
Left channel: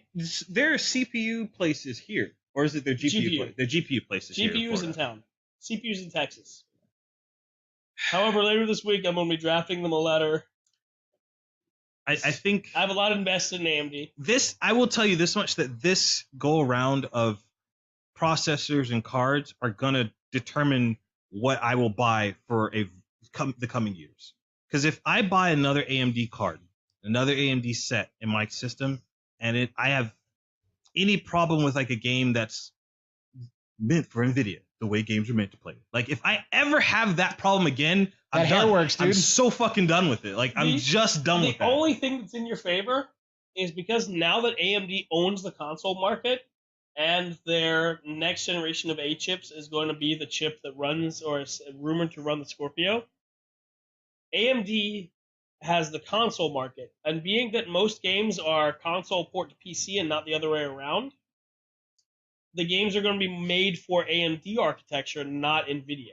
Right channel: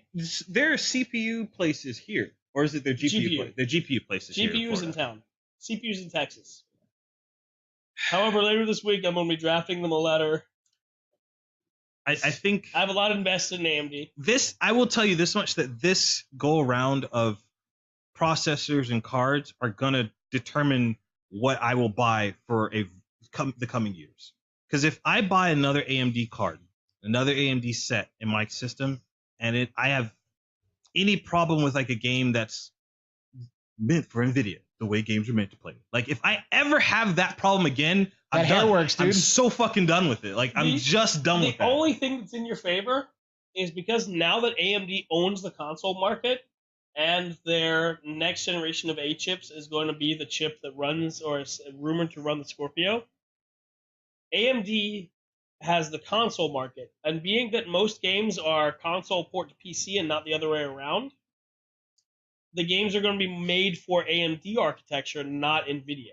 there are CPU places here, or is it their GPU? The GPU places. GPU's in town. CPU's in Texas. However, later this week I'm going to be drafting them a letter. I think I have a lot invested in AMD. I will tell you this much, that this go around of processors and cards are gonna determine what I will buy for the coming years. Because if I buy another AMD card, another AMD set in my system, and I have any problem with like a game that's meant for NVIDIA, the way games are meant to play. Like if I ever have that problem again, That hair works, dude. I'm so fucking done with it. Like I'm just done with that. The only thing that's in your favor is because now that AMD owns the console market, and their next generation of A chips is going to be the chip that runs, or is rumored to run, the Scorpio. AMD has the console market, and being that most games are console port to PC and not the other way around, the games are going to be made for AMD architecture, not NVIDIA.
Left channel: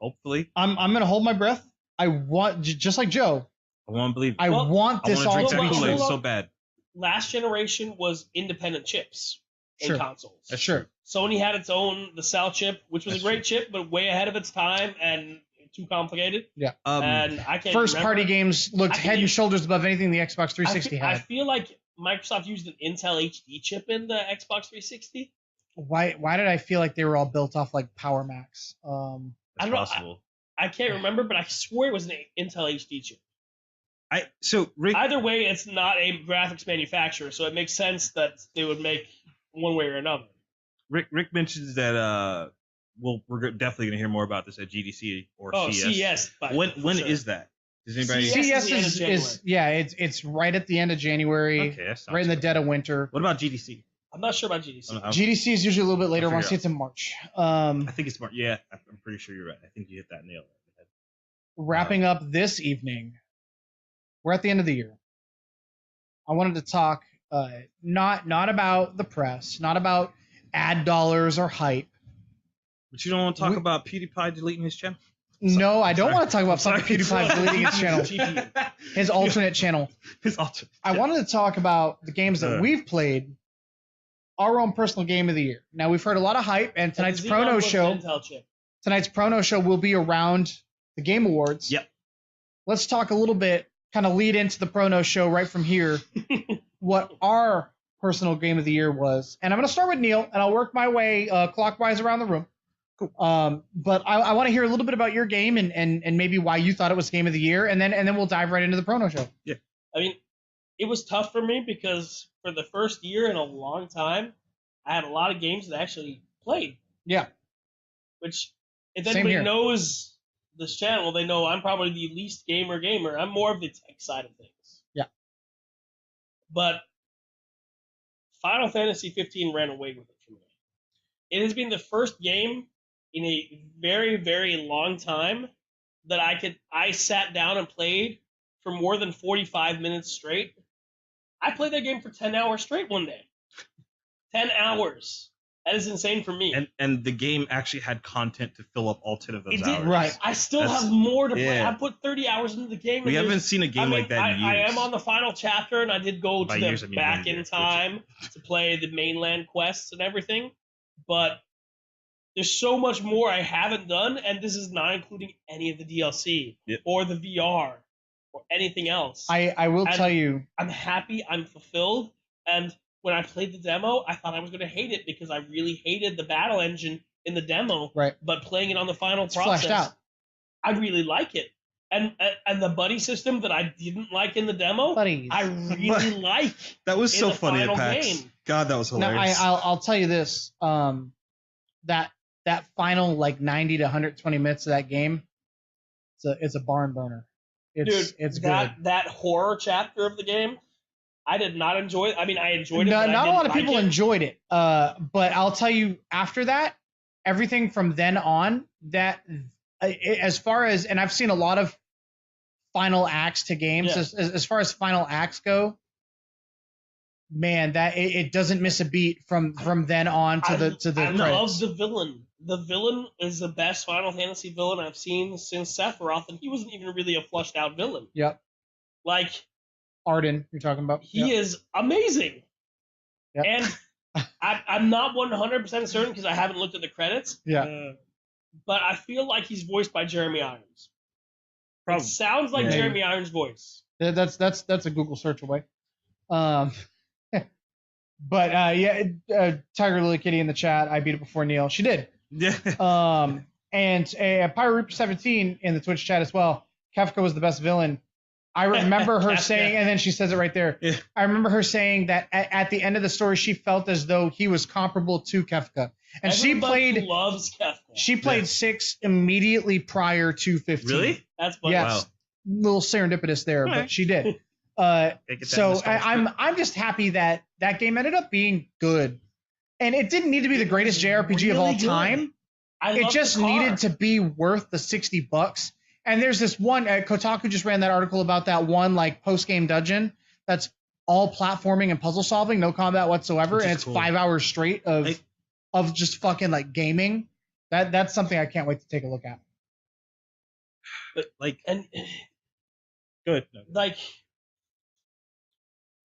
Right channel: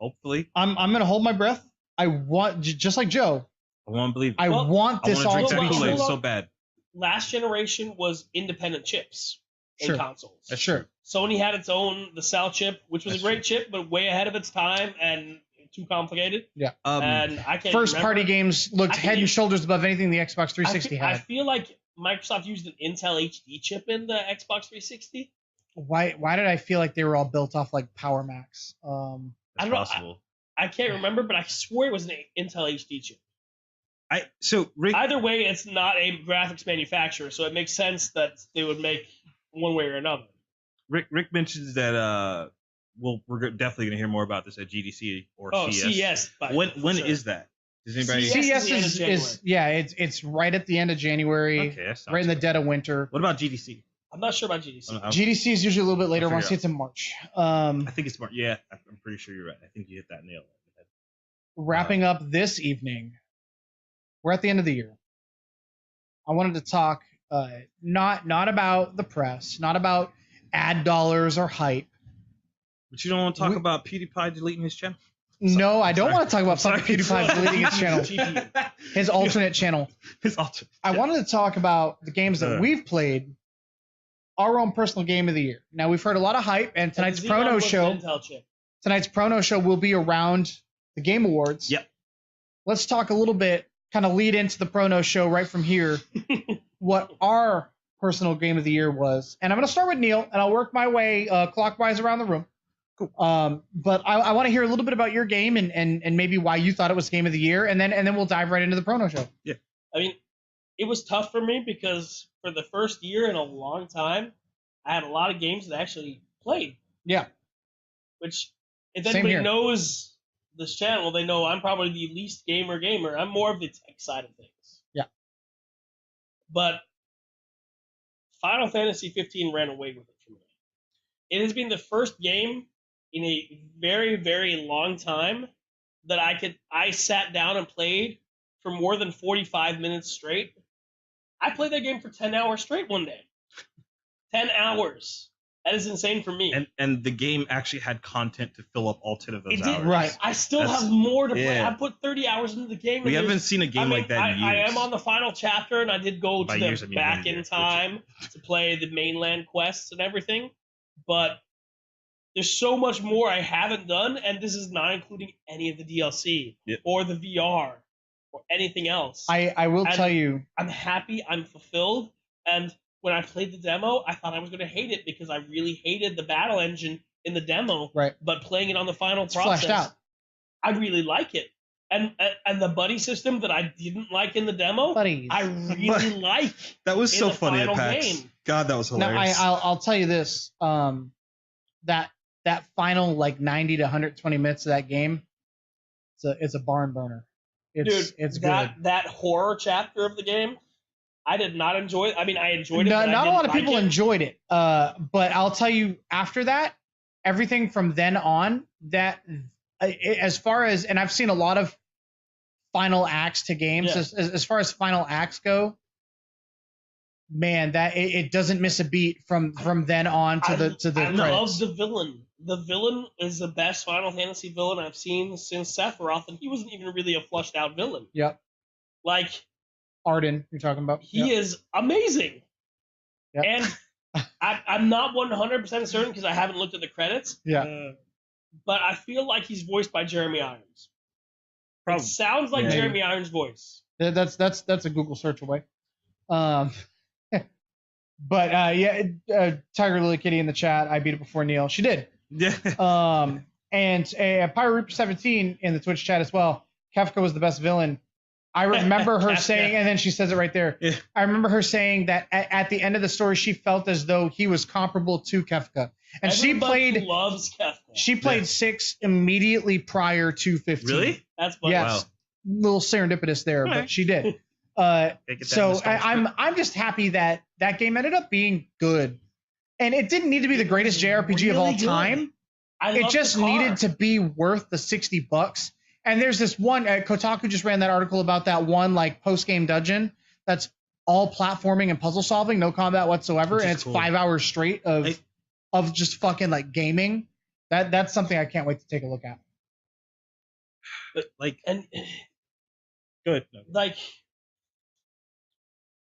Hopefully. I'm going to hold my breath. I want, just like Joe, I want to believe. I want this all to be true. So bad. Last generation was independent chips in consoles. That's sure. Sony had its own, the Cell chip, which was a great chip, but way ahead of its time and too complicated. Yeah. And I can't First-party games looked head and shoulders above anything the Xbox 360 had. I feel like Microsoft used an Intel HD chip in the Xbox 360. Why did I feel like they were all built off like Power Macs? I don't know. I can't remember, but I swear it was an Intel HD chip. Rick, either way, it's not a graphics manufacturer, so it makes sense that they would make one way or another. Rick mentions that we're definitely going to hear more about this at GDC or CES. When is that? Does anybody? CES is it's right at the end of January, okay, right in the dead of winter. What about GDC? I'm not sure about GDC. GDC is usually a little bit later. I want to see it's in March. I think it's March. Yeah, I'm pretty sure you're right. I think you hit that nail. Wrapping up this evening, we're at the end of the year. I wanted to talk not about the press, not about ad dollars or hype. But you don't want to talk about PewDiePie deleting his channel? No, I don't want to talk about fucking PewDiePie deleting his channel. His alternate channel. I wanted to talk about the games that we've played, our own personal game of the year. Now, we've heard a lot of hype, and tonight's Prono show will be around the Game Awards. Yep. Let's talk a little bit, kind of lead into the Prono show right from here, what our personal game of the year was. And I'm going to start with Neil, and I'll work my way clockwise around the room. But I want to hear a little bit about your game and maybe why you thought it was game of the year, and then we'll dive right into the Prono show. Yeah. I mean, it was tough for me because for the first year in a long time, I had a lot of games that I actually played. Yeah. Which, if anybody knows this channel, they know I'm probably the least gamer. I'm more of the tech side of things. Yeah. But Final Fantasy 15 ran away with it for me. It has been the first game in a very, very long time that I sat down and played for more than 45 minutes straight. I played that game for 10 hours straight one day. 10 hours. That is insane for me. And the game actually had content to fill up all 10 of those hours. Right. I still have more to play. I put 30 hours into the game. We haven't seen a game like that in years. I am on the final chapter, and I did go to the back in time to play the mainland quests and everything. But there's so much more I haven't done, and this is not including any of the DLC or the VR or anything else. I will tell you. I'm happy. I'm fulfilled. And when I played the demo, I thought I was going to hate it because I really hated the battle engine in the demo. Right. But playing it on the final process, fleshed out. I really like it. And the buddy system that I didn't like in the demo, Buddies. I really like. That was so funny at PAX. Game. God, that was hilarious. No, I'll tell you this. That final 90 to 120 minutes of that game, it's a barn burner. It's good. That horror chapter of the game, I did not enjoy it. I mean, I enjoyed it. Not a lot of people enjoyed it. But I'll tell you, after that, everything from then on, that as far as, and I've seen a lot of final acts to games. Yeah. As far as final acts go, man, that it doesn't miss a beat from then on to the. I love the villain. The villain is the best Final Fantasy villain I've seen since Sephiroth, and he wasn't even really a flushed out villain. Yep. Like Arden, you're talking about. He is amazing. Yep. And I'm not 100% certain because I haven't looked at the credits. Yeah. But I feel like he's voiced by Jeremy Irons. Probably. It sounds like Jeremy Irons' voice. That's a Google search away. But Tiger Lily Kitty in the chat. I beat it before Neil. She did. Yeah. And Pirate Reaper 17 in the Twitch chat as well. Kefka was the best villain. I remember her saying, and then she says it right there. Yeah. I remember her saying that at the end of the story, she felt as though he was comparable to Kefka. And Everybody loves Kefka. She played 6 immediately prior to 15. Really? That's what. Yes. Wow. Little serendipitous there, Right. but she did. So I'm just happy that game ended up being good. And it didn't need to be the greatest JRPG of all time. It just needed to be worth the $60. And there's this one, Kotaku just ran that article about that one like post-game dungeon that's all platforming and puzzle solving, no combat whatsoever, and it's cool. 5 hours straight of just fucking like gaming. That's something I can't wait to take a look at. But and good. Like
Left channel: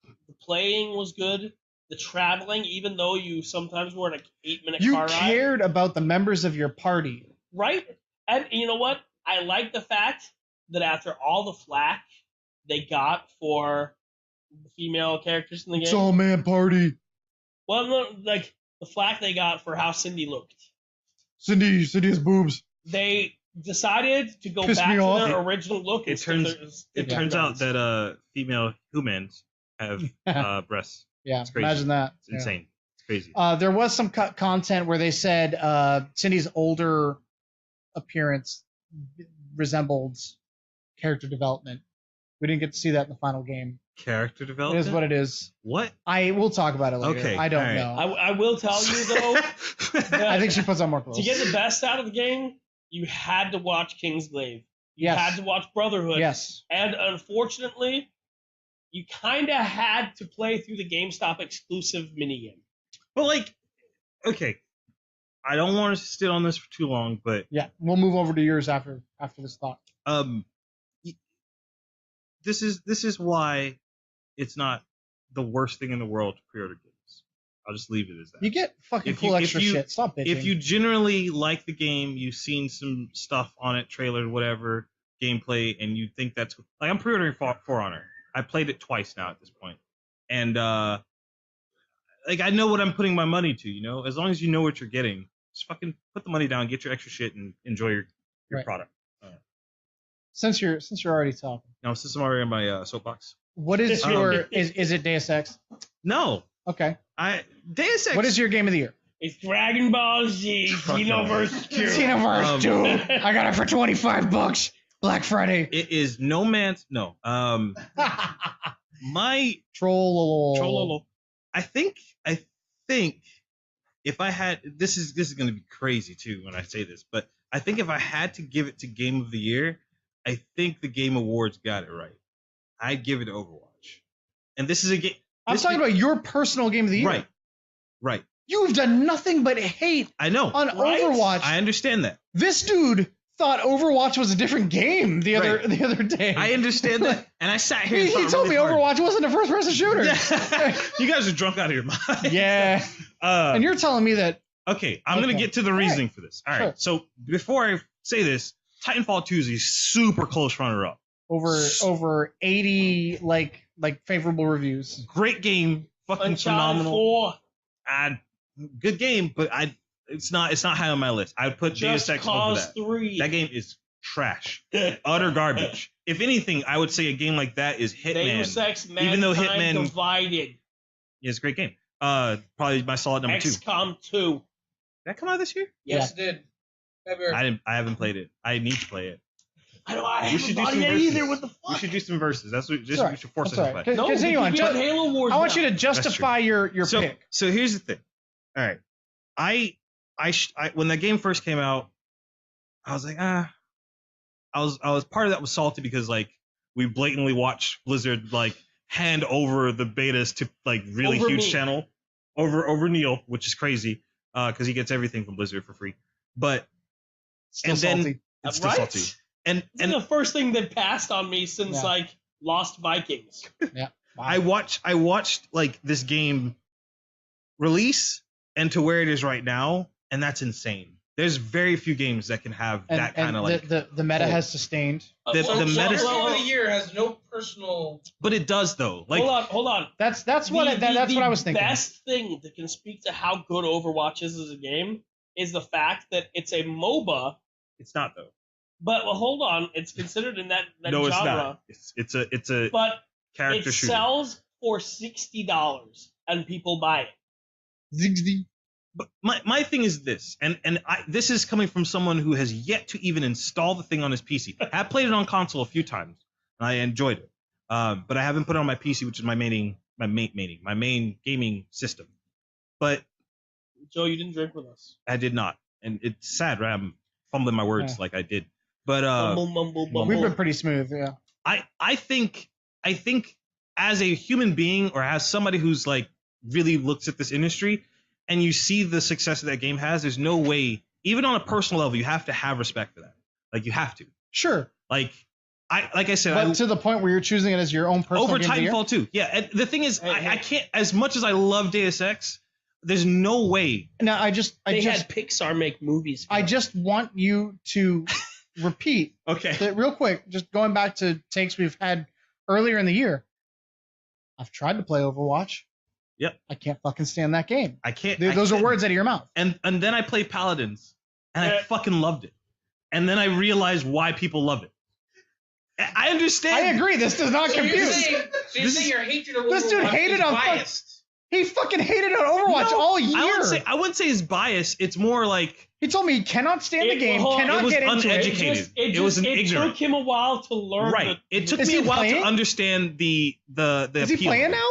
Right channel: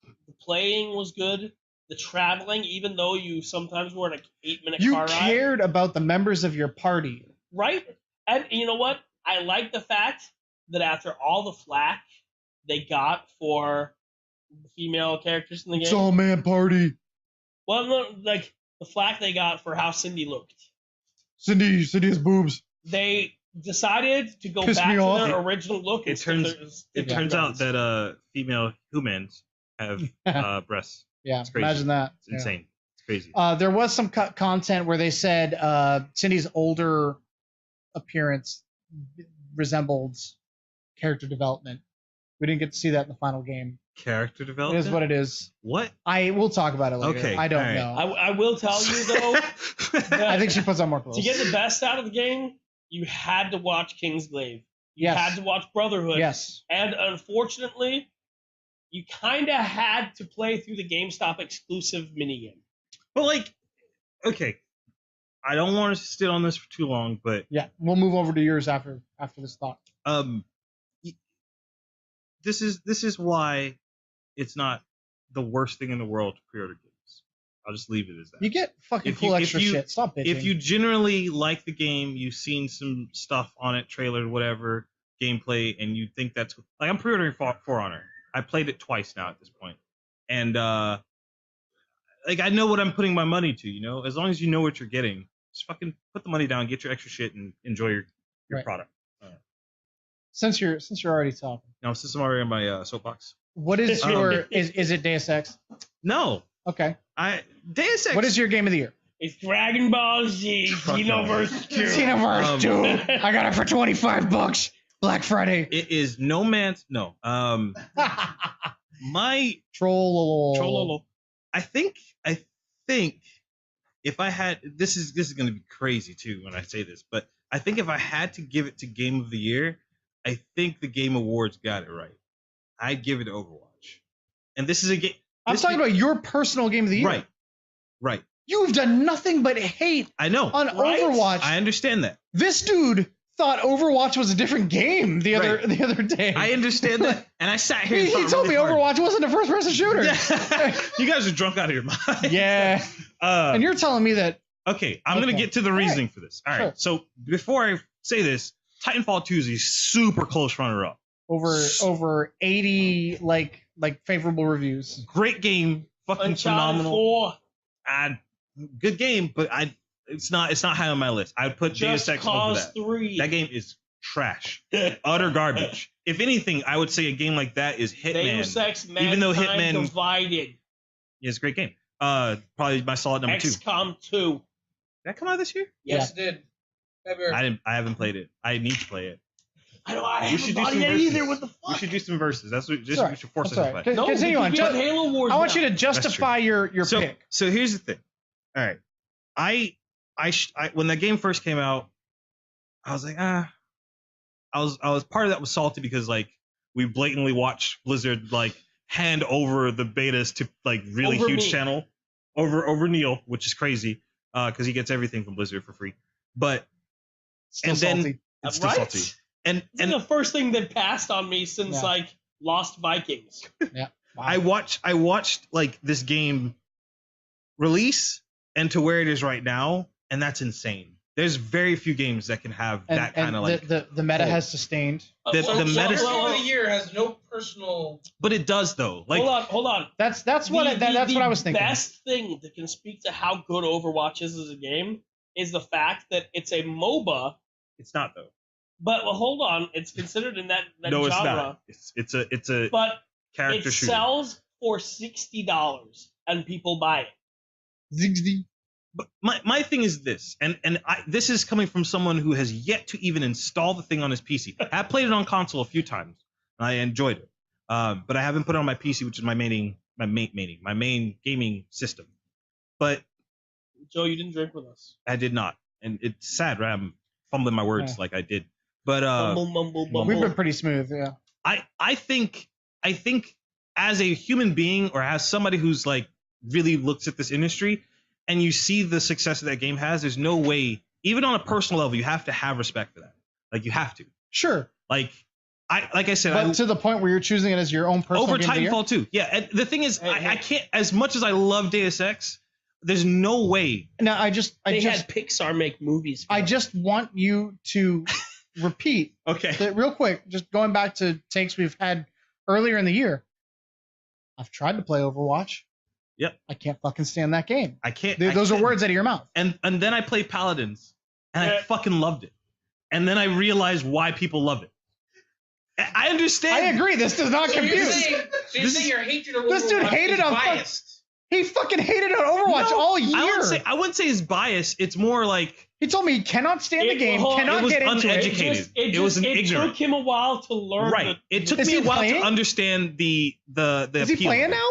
the playing was good. The traveling, even though you sometimes were in an 8-minute car ride. You cared about the members of your party. Right? And you know what? I like the fact that after all the flack they got for the female characters in the game. It's all man party. Well, no, like the flack they got for how Cindy looked. Cindy has boobs. They decided to go Pissed back me to off. their original look. It turns out that female humans have breasts. Yeah, it's crazy. Imagine that. It's insane. It's crazy. There was some content where they said Cindy's older appearance resembled character development. We didn't get to see that in the final game. Character development? It is what it is. What? We'll talk about it later. Okay. I don't know. I will tell you, though, I think she puts on more clothes. To get the best out of the game, you had to watch Kingsglaive. You had to watch Brotherhood. Yes. And unfortunately, you kind of had to play through the GameStop exclusive minigame. But, okay. I don't want to sit on this for too long, but... Yeah, we'll move over to yours after this thought. This is why it's not the worst thing in the world to pre-order games. I'll just leave it as that. You get fucking cool extra shit. Stop bitching. If you generally like the game, you've seen some stuff on it, trailer, whatever, gameplay, and you think that's... Like, I'm pre-ordering For Honor. I played it twice now at this point. And, I know what I'm putting my money to, you know? As long as you know what you're getting, just fucking put the money down, get your extra shit, and enjoy your product. Since you're already talking. No, since I'm already in my soapbox. What is your... Is it Deus Ex? No. Okay. Deus Ex. What is your game of the year? It's Dragon Ball Z Xenoverse 2. Xenoverse 2. I got it for $25. Black Friday. It is No Man's... No. My... Trollolo. I think if I had... This is going to be crazy, too, when I say this, but I think if I had to give it to Game of the Year, I think the Game Awards got it right. I'd give it to Overwatch. And this is a game... I'm talking about your personal Game of the Year. Right. You've done nothing but hate on Overwatch. I understand that. This dude thought Overwatch was a different game the other day. I understand that. And I sat here He told me Overwatch wasn't a first-person shooter. Yeah. You guys are drunk out of your mind. Yeah. And you're telling me that... Okay, I'm going to get to the reasoning for this. All right, so before I say this, Titanfall 2 is a super close runner-up. Over 80 like favorable reviews. Great game, fucking phenomenal. Good game, but it's not high on my list. I would put Deus Ex over that. 3. That game is trash, utter garbage. If anything, I would say a game like that is Hitman. Deus Ex even though Hitman Divided. Yeah, it's a great game. Probably my solid number 2. XCOM 2. Did that come out this year? Yes, it did. Ever. I haven't played it. I need to play it. We should do some verses. What the fuck? We should do some verses. That's what we should force us to play. No, continue on. Halo Wars. I want you to justify your pick. So here's the thing. All right, I when the game first came out, I was like, I was part of that was salty because like we blatantly watched Blizzard like hand over the betas to like really huge channel over Neil, which is crazy because he gets everything from Blizzard for free. But Still salty. It's still salty. And the first thing that passed on me since like Lost Vikings. Yeah. Wow. I watched like this game release and to where it is right now, and that's insane. There's very few games that can have that kind of like the meta has sustained. The meta. the year has no personal. But it does though. Like, hold on. That's what I was thinking. The best thing that can speak to how good Overwatch is as a game is the fact that it's a MOBA. it's not though. But hold on, it's considered in that No, it's genre. not. It's a But character it shooter. sells for $60 and people buy it. Zigzag. But my thing is this, and this is coming from someone who has yet to even install the thing on his PC. I played it on console a few times. I enjoyed it, but I haven't put it on my PC, which is my main gaming system. But Joe, you didn't drink with us. I did not, and it's sad. Right? I'm fumbling my words like I did. But Mumble. We've been pretty smooth, yeah. I think as a human being or as somebody who's like really looks at this industry and you see the success that game has, there's no way, even on a personal level, you have to have respect for that. Like, you have to. Sure. Like I said, But to the point where you're choosing it as your own personal over game of the year? Titanfall 2. Yeah, and the thing is, I can't, as much as I love Deus Ex, there's no way. Now, I just had Pixar make movies. I just want you to repeat Okay. that real quick, just going back to takes we've had earlier in the year. I've tried to play Overwatch. Yep. I can't fucking stand that game. I can't. Those are words out of your mouth. And then I played Paladins, and I fucking loved it. And then I realized why people love it. I understand. I agree. This does not compute. You're saying your hatred of This dude Overwatch hated is on biased. He fucking hated on Overwatch all year. I wouldn't say it's bias. It's more like He told me he cannot stand the game, It cannot was get into uneducated. it. It was an ignorant. It took him a while to learn. Right. It took Is me he a while playing? to understand the Is he appeal. playing now?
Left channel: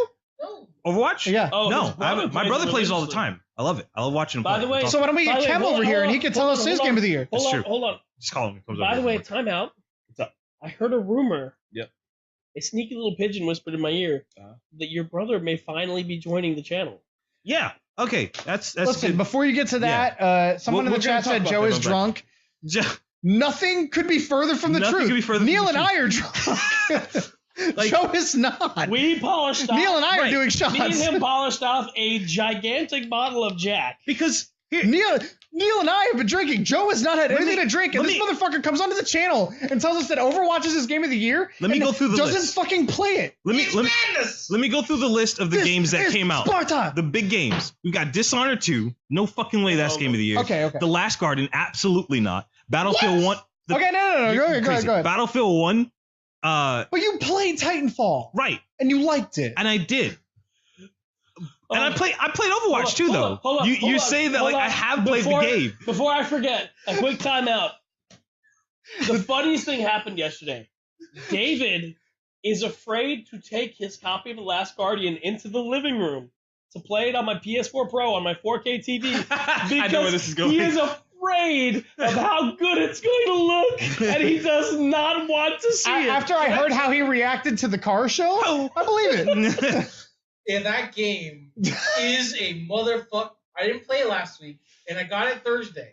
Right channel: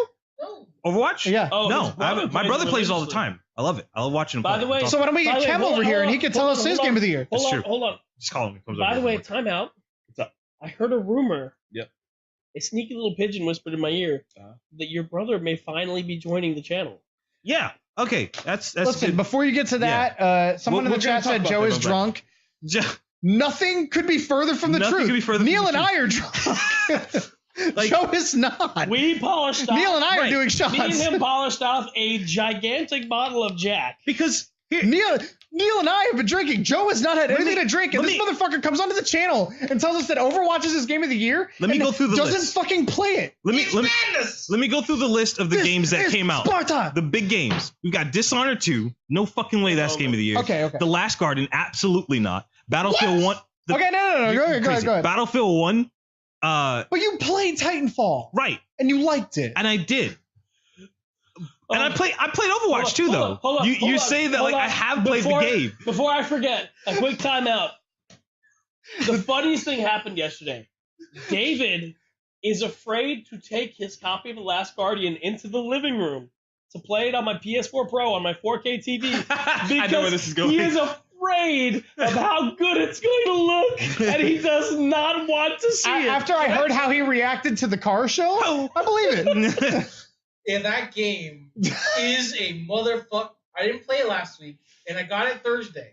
Overwatch? Yeah. Oh, No, his brother my brother plays it all the religiously. time. I love it. I love watching him By play. the way, It's So awesome. why don't we By get the way, Cam hold over on, here and he can tell us his hold game of the year? That's true. Hold on. Just call him. Comes By over. the way, time out. What's up? I heard a rumor. Yep. A sneaky little pigeon whispered in my ear that your brother may finally be joining the channel. Yeah. Okay. That's Listen, good. before you get to that, someone in We're the gonna chat talk said about Joe that is a little drunk. Ju- Nothing could be further from the Nothing truth. could be further from Neil the and I are drunk. Joe is not. We polished off. Neil and I are doing Me and shots. him polished off a gigantic bottle of Jack. Because here, Neil and I have been drinking. Joe has not had anything to drink, and this motherfucker comes onto the channel and tells us that Overwatch is his game of the year. Let me and go through the doesn't list. fucking play it. let me go through the list of the games that came out. Sparta. The big games. We got Dishonored 2. No fucking way that's game of the year. Okay. The Last Guardian. Absolutely not. Battlefield 1. Okay, no. Go ahead. Battlefield 1. But you played Titanfall. Right. And you liked it. And I did. And I played Overwatch too, though. You're saying that like I have played the game. Before I forget, a quick timeout. The funniest thing happened yesterday. David is afraid to take his copy of The Last Guardian into the living room to play it on my PS4 Pro on my 4K TV because I know where this is going. he is afraid of how good it's going to look, and he does not want to see it. After I heard how he reacted to the car show, I believe it. And that game is a motherfucker. I didn't play it last week, and I got it Thursday.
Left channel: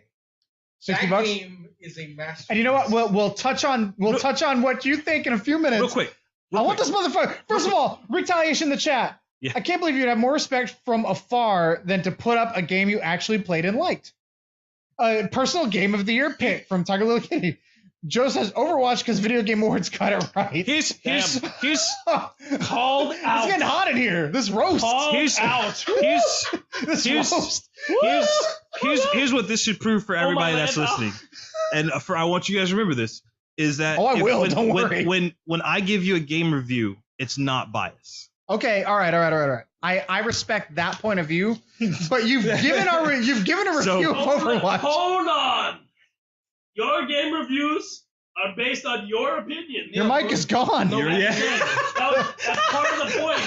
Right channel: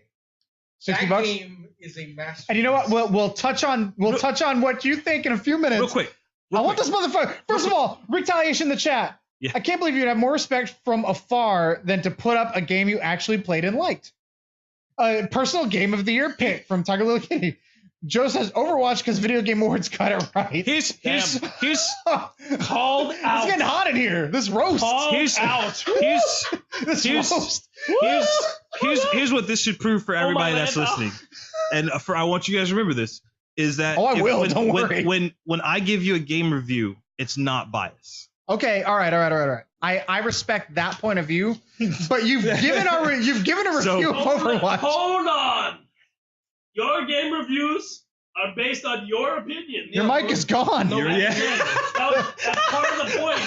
$60. That game is a masterpiece. And you know what? We'll touch on what you think in a few minutes. Real quick. I want this motherfucker. First of all, retaliation in the chat. Yeah. I can't believe you'd have more respect from afar than to put up a game you actually played and liked. Personal game of the year pick from Tiger Little Kitty. Joe says Overwatch because Video Game Awards got it right. Here's Called out. It's getting hot in here. This roast. Here's what this should prove for everybody that's listening, and I want you guys to remember this is that don't worry. When I give you a game review, it's not bias. Okay, all right. I respect that point of view, but you've given a review of Overwatch. Hold on. Your game reviews are based on your opinion. Your mic is gone. That's part of the point.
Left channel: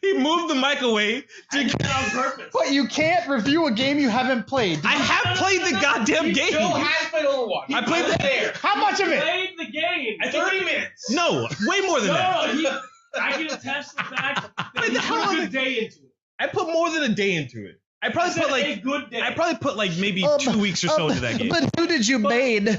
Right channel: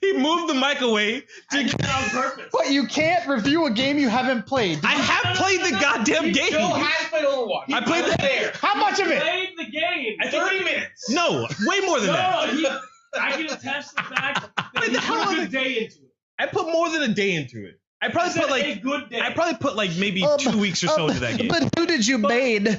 He moved the mic away. I did that on purpose. But you can't review a game you haven't played. I have played the goddamn game. Still has played Overwatch. I played the there. How much of it? Played the game. 30 minutes. No, way more than that. I can attest to the fact that What the you hell put is a it? day into it. I put more than a day into it. I probably put a good day. I probably put like maybe 2 weeks or so into that game. But who did you maid?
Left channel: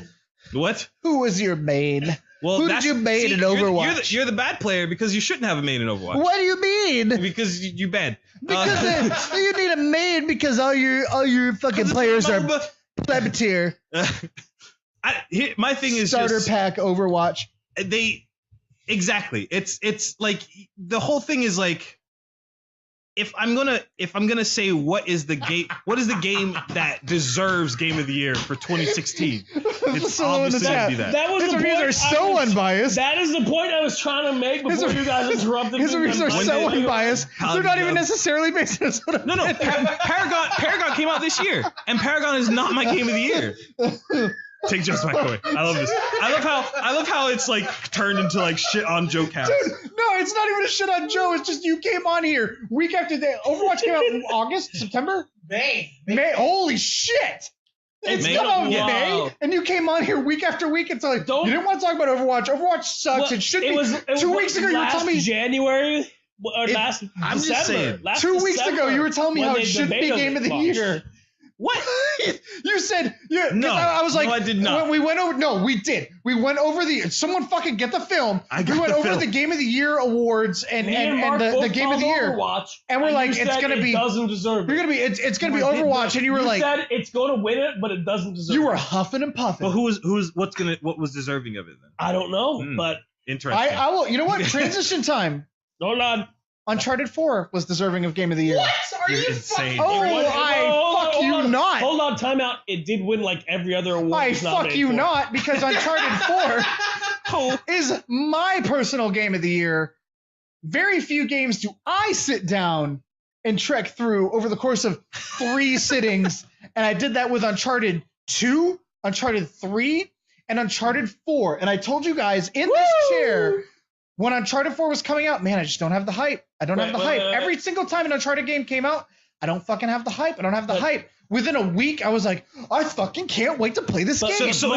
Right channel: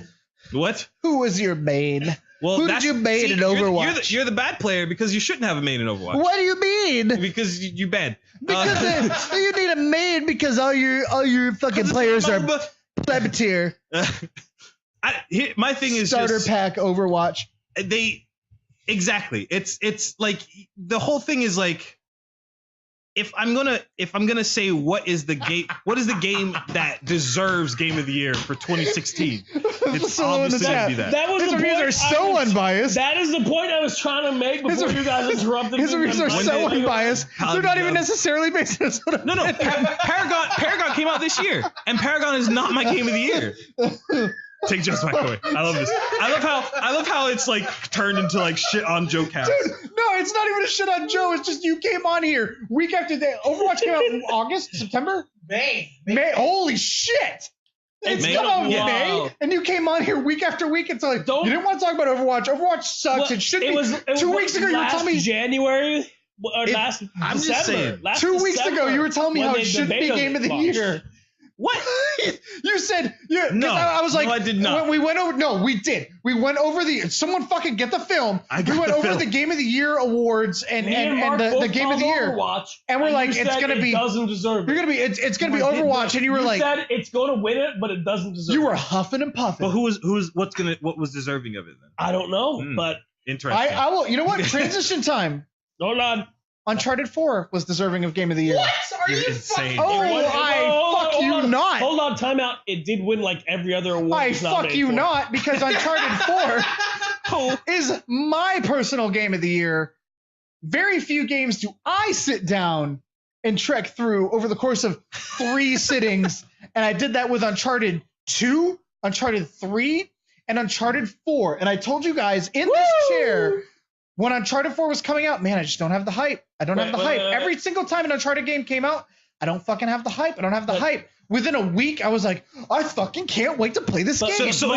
What? Who was your maid? Well, who did you maid in Overwatch? You're the bad player because you shouldn't have a maid in Overwatch. What do you mean? Because you're bad. Because you need a maid because all your fucking players are plebatier. My thing is Starter just, pack Overwatch. they Exactly. It's like the whole thing is like, if I'm gonna say what is the game that deserves Game of the Year for 2016, it's obviously gonna be that. That was His the reviews point. are so unbiased. That is the point I was trying to make before you guys interrupted. His reviews are so unbiased. They're not even necessarily based on sort of. No. Paragon came out this year, and Paragon is not my Game of the Year. Take Just back away. I love this. I love how it's like turned into like shit on Joe Cast. Dude, no, it's not even a shit on Joe. It's just you came on here week after day. Overwatch came out in August, September, May. Holy shit! It's May? come out in Yeah. May, and you came on here week after week. It's like you didn't want to talk about Overwatch. Overwatch sucks. Well, it should it be. was 2 weeks ago, you were telling me. January. Or last I'm just December. saying. Last 2 weeks December, ago, you were telling me when how they it should be debated Game of the launch. Year. What? You said No, I was like, no, I did not. When we went over. No, we did. We went over someone fucking get the film. I got We went the over film. the Game of the Year awards and Me and Mark the both Game of the followed Year. Overwatch, And we're like, you it's said gonna be. it doesn't deserve it. You're gonna be. It's gonna be Overwatch, and you were like, said it's going to win it, but it doesn't deserve it. you were huffing and puffing. But what was deserving of it then? I don't know, but Interesting. I will. You know what? Transition time. hold on. Uncharted 4 was deserving of Game of the Year. What? Are You're you insane. fucking? Oh, fuck you not. Hold on, time out. It did win like every other award. I it was fuck nominated you for. not, because Uncharted 4 is my personal Game of the Year. Very few games do I sit down and trek through over the course of 3 sittings, and I did that with Uncharted 2, Uncharted 3, and Uncharted 4. And I told you guys in this chair, when Uncharted 4 was coming out, man, I just don't have the hype. I don't have the hype. Every single time an Uncharted game came out, I don't fucking have the hype. I don't have the hype. Within a week, I was like, I fucking can't wait to play this game. Wait. So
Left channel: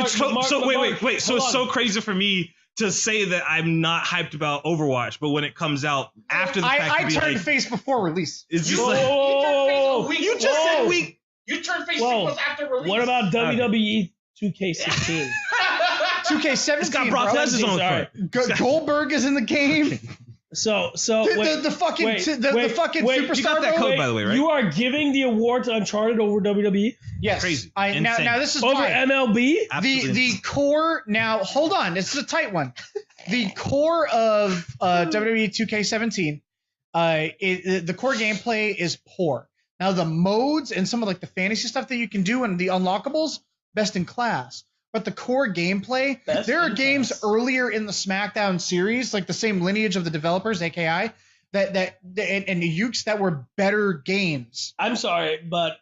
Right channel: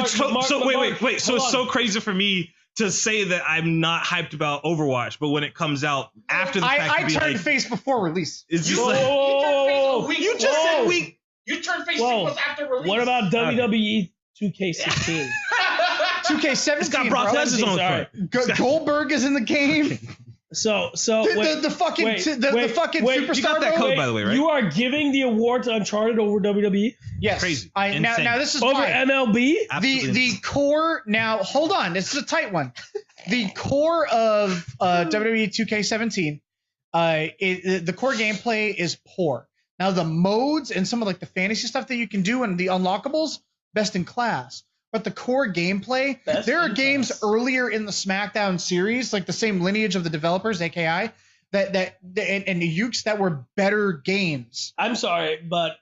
it's so crazy for me to say that I'm not hyped about Overwatch, but when it comes out after the fact, I turned face before release. It's just You just said week. You turned face Whoa. was after release. What about WWE 2K16? 2K17. It's got Brock bro. Lesnar on the front. Goldberg is in the game. So The fucking wait, you got that superstar. code, by the way, right? You are giving the award to Uncharted over WWE Yes. Crazy. Now this is over why. MLB. Absolutely. The core. Now hold on. This is a tight one. The core of WWE 2K17, the core gameplay is poor. Now the modes and some of like the fantasy stuff that you can do and the unlockables, best in class. But the core gameplay, there are games earlier in the SmackDown series, like the same lineage of the developers, AKI, and the Ukes that were better games. I'm sorry, but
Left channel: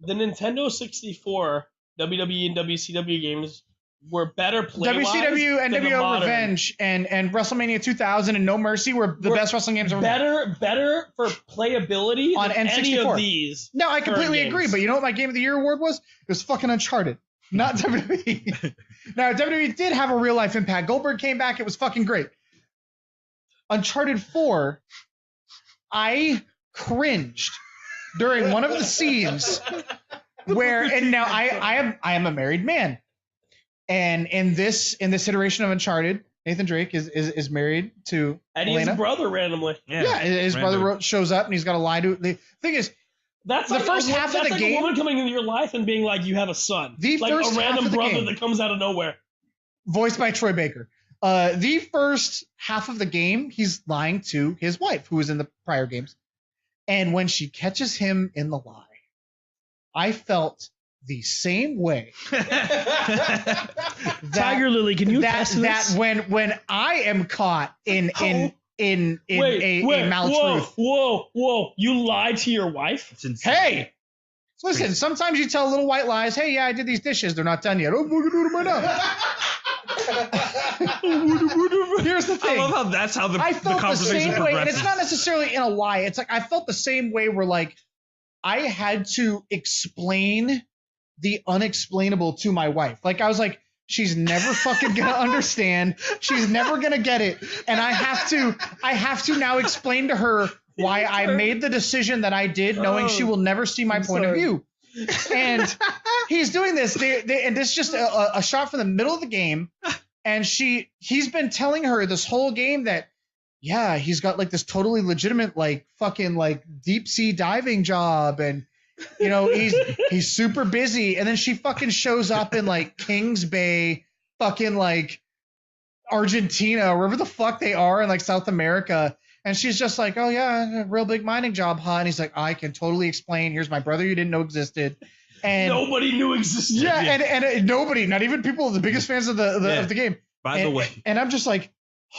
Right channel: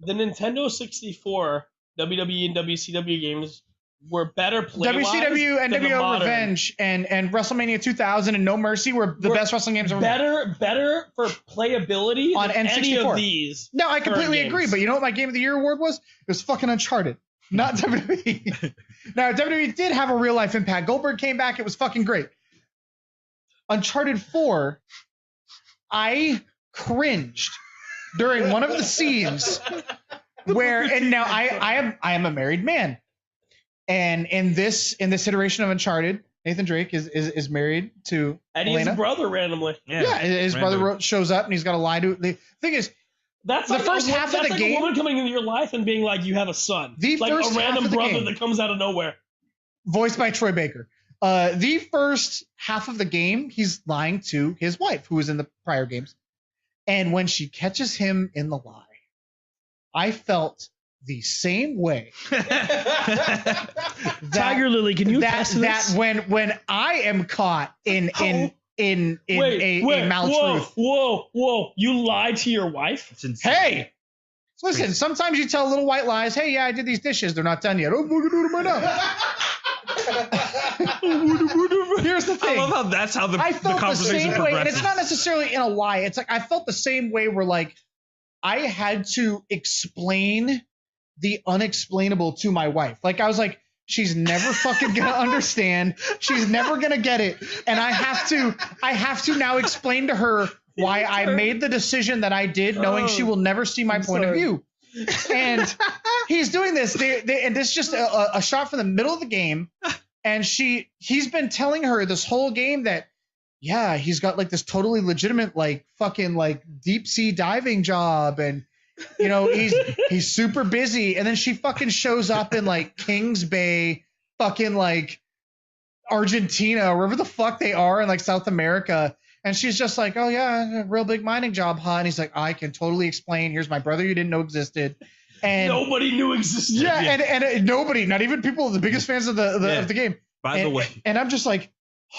the Nintendo 64 WWE and WCW games were better play-wise WCW and than the WO modern. Revenge and WrestleMania 2000 and No Mercy were the best wrestling games ever made. Better for playability On than N64. any of these. No, I completely games. agree. But you know what my Game of the Year award was? It was fucking Uncharted, not WWE. Now, WWE did have a real life impact. Goldberg came back. It was fucking great. Uncharted 4, I cringed during one of the scenes where, and now I am a married man, and in this iteration of Uncharted, Nathan Drake is married to And he has a Elena. brother randomly. Yeah, his brother shows up and he's got a lie to. The thing is, That's The like first half of that's the like game- a woman coming into your life and being like, you have a son. The Like first a half random of the brother game. that comes out of nowhere. voiced by Troy Baker. The first half of the game, he's lying to his wife, who was in the prior games. And when she catches him in the lie, I felt the same way. Tiger Lily, can you attest to that this? when I am caught in a maltruth. Whoa! You lied to your wife? It's insane. Hey, listen. Sometimes you tell little white lies. Hey, yeah, I did these dishes. They're not done yet. Oh, I'm gonna do them right now. Here's the I thing. love how that's how the I felt the conversation same way, and progresses. it's not necessarily in a lie. It's like I felt the same way where like I had to explain the unexplainable to my wife. Like I was like, she's never fucking gonna understand. She's never gonna get it, and I have to now explain to her why I made the decision that I did, knowing she will never see my point of view. And he's doing this. And this is just a shot from the middle of the game. And he's been telling her this whole game that, yeah, he's got like this totally legitimate, like fucking like deep sea diving job. And, you know, he's super busy. And then she fucking shows up in like Kings Bay, fucking like Argentina, or wherever the fuck they are in like South America. And she's just like, oh yeah, a real big mining job, huh? And he's like, I can totally explain. Here's my brother you didn't know existed. And Nobody knew existed. yeah, and nobody, not even people, the biggest fans of the game. By the way. And I'm just like,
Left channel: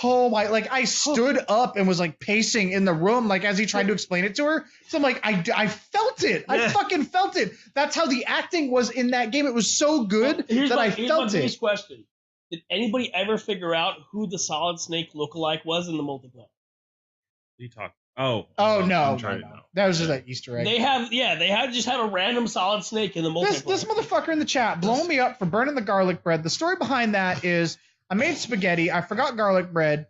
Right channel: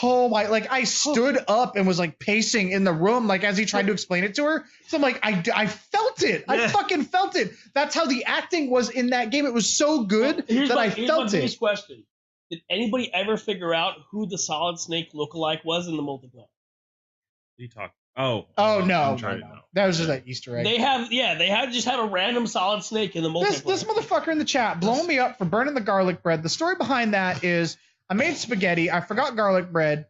oh my, like I stood up and was like pacing in the room, like as he tried to explain it to her. So I'm like, I felt it. I fucking felt it. That's how the acting was in that game. It was so good that I felt it. Here's my question. Did anybody ever figure out who the Solid Snake lookalike was in the multiplayer? You talk. Oh no. That was just an Easter egg. They had just had a random Solid Snake in the multiplayer. This motherfucker in the chat blowing me up for burning the garlic bread. The story behind that is I made spaghetti. I forgot garlic bread.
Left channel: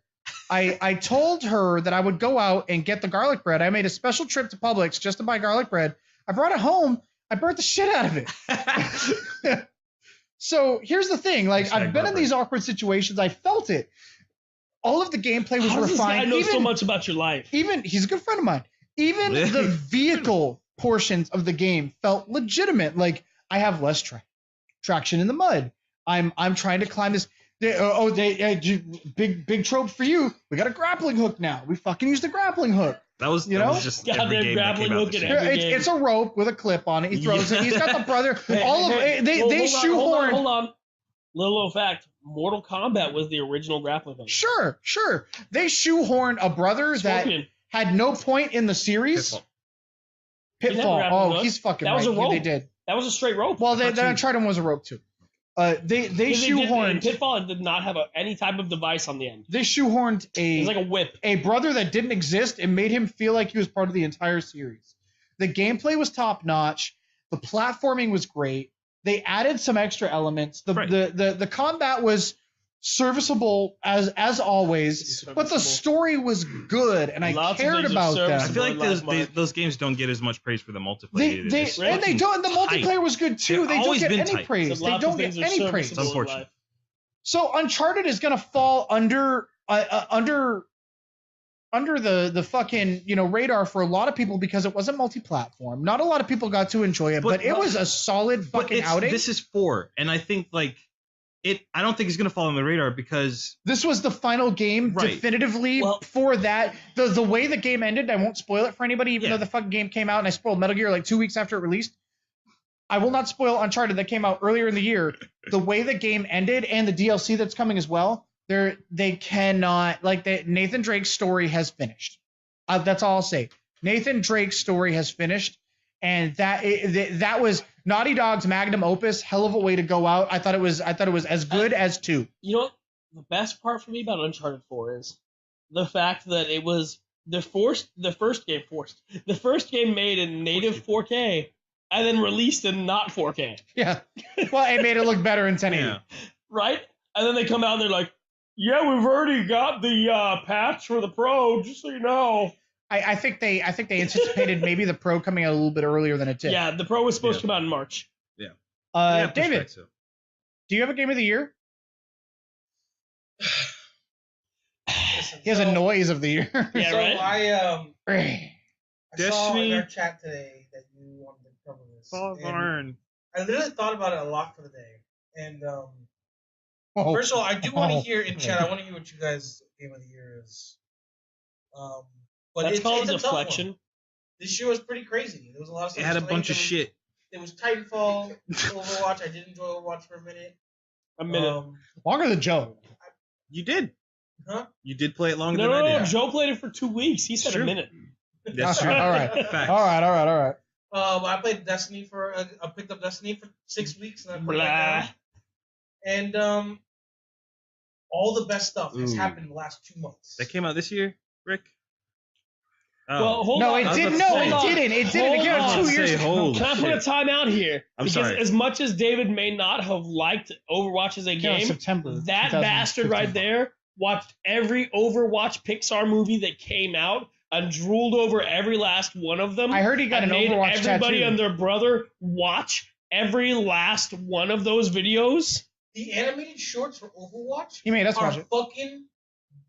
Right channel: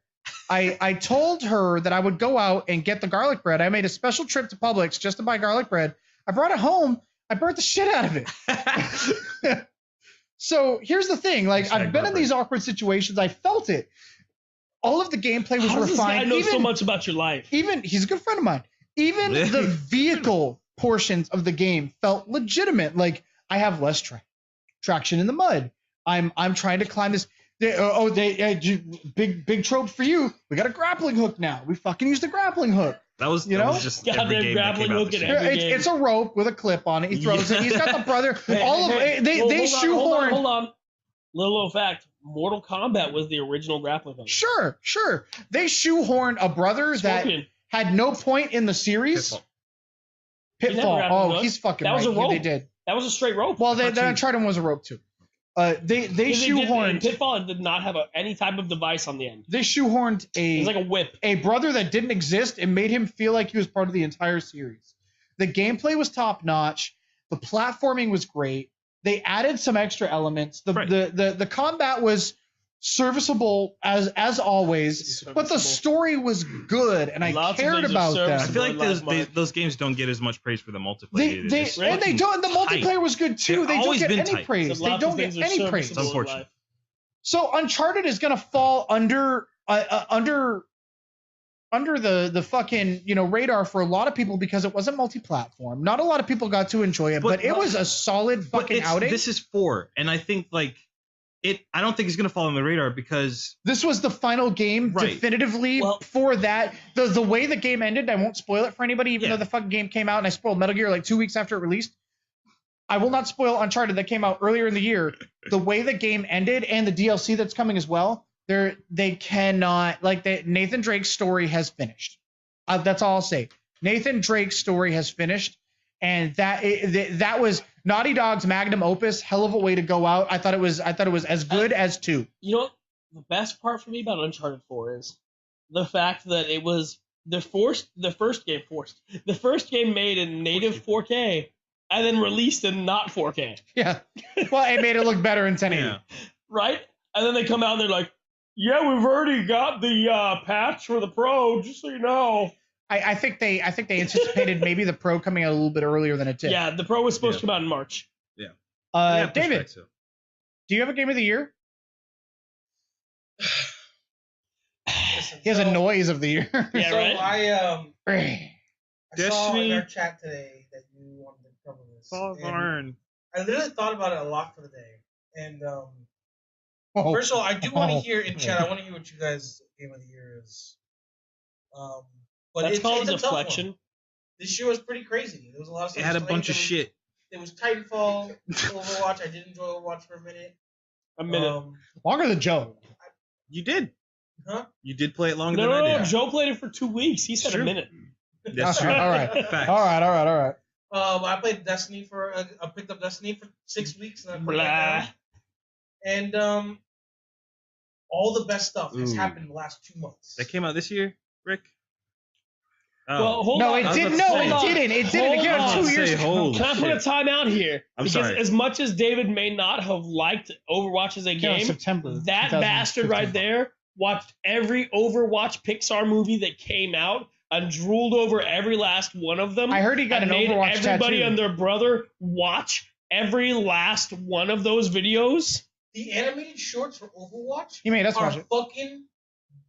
I told her that I would go out and get the garlic bread. I made a special trip to Publix just to buy garlic bread. I brought it home. I burnt the shit out of it. So here's the thing. Like I've been in these awkward situations. I felt it. All of the gameplay was refined. This guy knows so much about your life. Even he's a good friend of mine. Even the vehicle portions of the game felt legitimate. Like I have less traction in the mud. I'm trying to climb this. Big trope for you. We got a grappling hook now. We fucking used a grappling hook. That was just every game that came out. It's a rope with a clip on it. He throws it. He's got the brother. All of it. They shoehorned. Hold on. Little fact. Mortal Kombat was the original grappling hook. Sure. They shoehorned a brother that had no point in the series. Pitfall. Oh, he's fucking right. Yeah, they did. That was a straight rope. Well, the Uncharted one was a rope too. They shoehorned. Pitfall did not have any type of device on the end. They shoehorned it was like a whip. A brother that didn't exist and made him feel like he was part of the entire series. The gameplay was top notch. The platforming was great. They added some extra elements. The combat was serviceable as always, but the story was good, and I cared about that. I feel like those games don't get as much praise for the multiplayer. They don't. The multiplayer was good too. They don't get any praise. They don't get any praise. It's unfortunate. So Uncharted is gonna fall under the fucking radar for a lot of people because it wasn't multi-platform. Not a lot of people got to enjoy it, but it was a solid fucking outing. This is 4, and I think I don't think it's gonna fall on the radar because this was the final game definitively for that. The way the game ended, I won't spoil it for anybody, even though the fucking game came out and I spoiled Metal Gear like 2 weeks after it released. I will not spoil Uncharted that came out earlier in the year. The way the game ended and the DLC that's coming as well. They cannot Nathan Drake's story has finished. That's all I'll say. Nathan Drake's story has finished, and that was Naughty Dog's magnum opus. Hell of a way to go out. I thought it was as good as 2. You know, the best part for me about Uncharted 4 is the fact that it was the first game made in native 4K and then released in not 4K. Yeah. Well, it made it look better in 1080. Yeah. Right? And then they come out and they're like, yeah, we've already got the patch for the Pro, just so you know. I think they anticipated maybe the Pro coming out a little bit earlier than it did. Yeah, the Pro was supposed to come out in March. Yeah. David, do you have a game of the year? He has a noise of the year. Yeah, so right? I saw in our chat today that you wanted to cover this. I literally thought about it a lot for the day. And first of all, I do want to hear in chat. I want to hear what you guys' game of the year is. But that's called deflection. This year was pretty crazy. There was a lot of stuff. It had a bunch of shit. It was Titanfall, Overwatch. I did enjoy Overwatch for a minute. Longer than Joe. You did. Huh? You did play it longer than I did. No. Joe played it for 2 weeks. He said a minute. That's true. All right. I played Destiny I picked up Destiny for 6 weeks, and I played that. And all the best stuff has happened in the last 2 months. That came out this year, Rick? Oh. Well, it didn't. It didn't. It came out 2 years ago. Can I put a time out here? I'm sorry. As much as David may not have liked Overwatch as a game, September, that bastard right there watched every Overwatch Pixar movie that came out and drooled over every last one of them. I heard he got an Overwatch tattoo. Everybody and their brother watch every last one of those videos. The animated shorts for Overwatch are fucking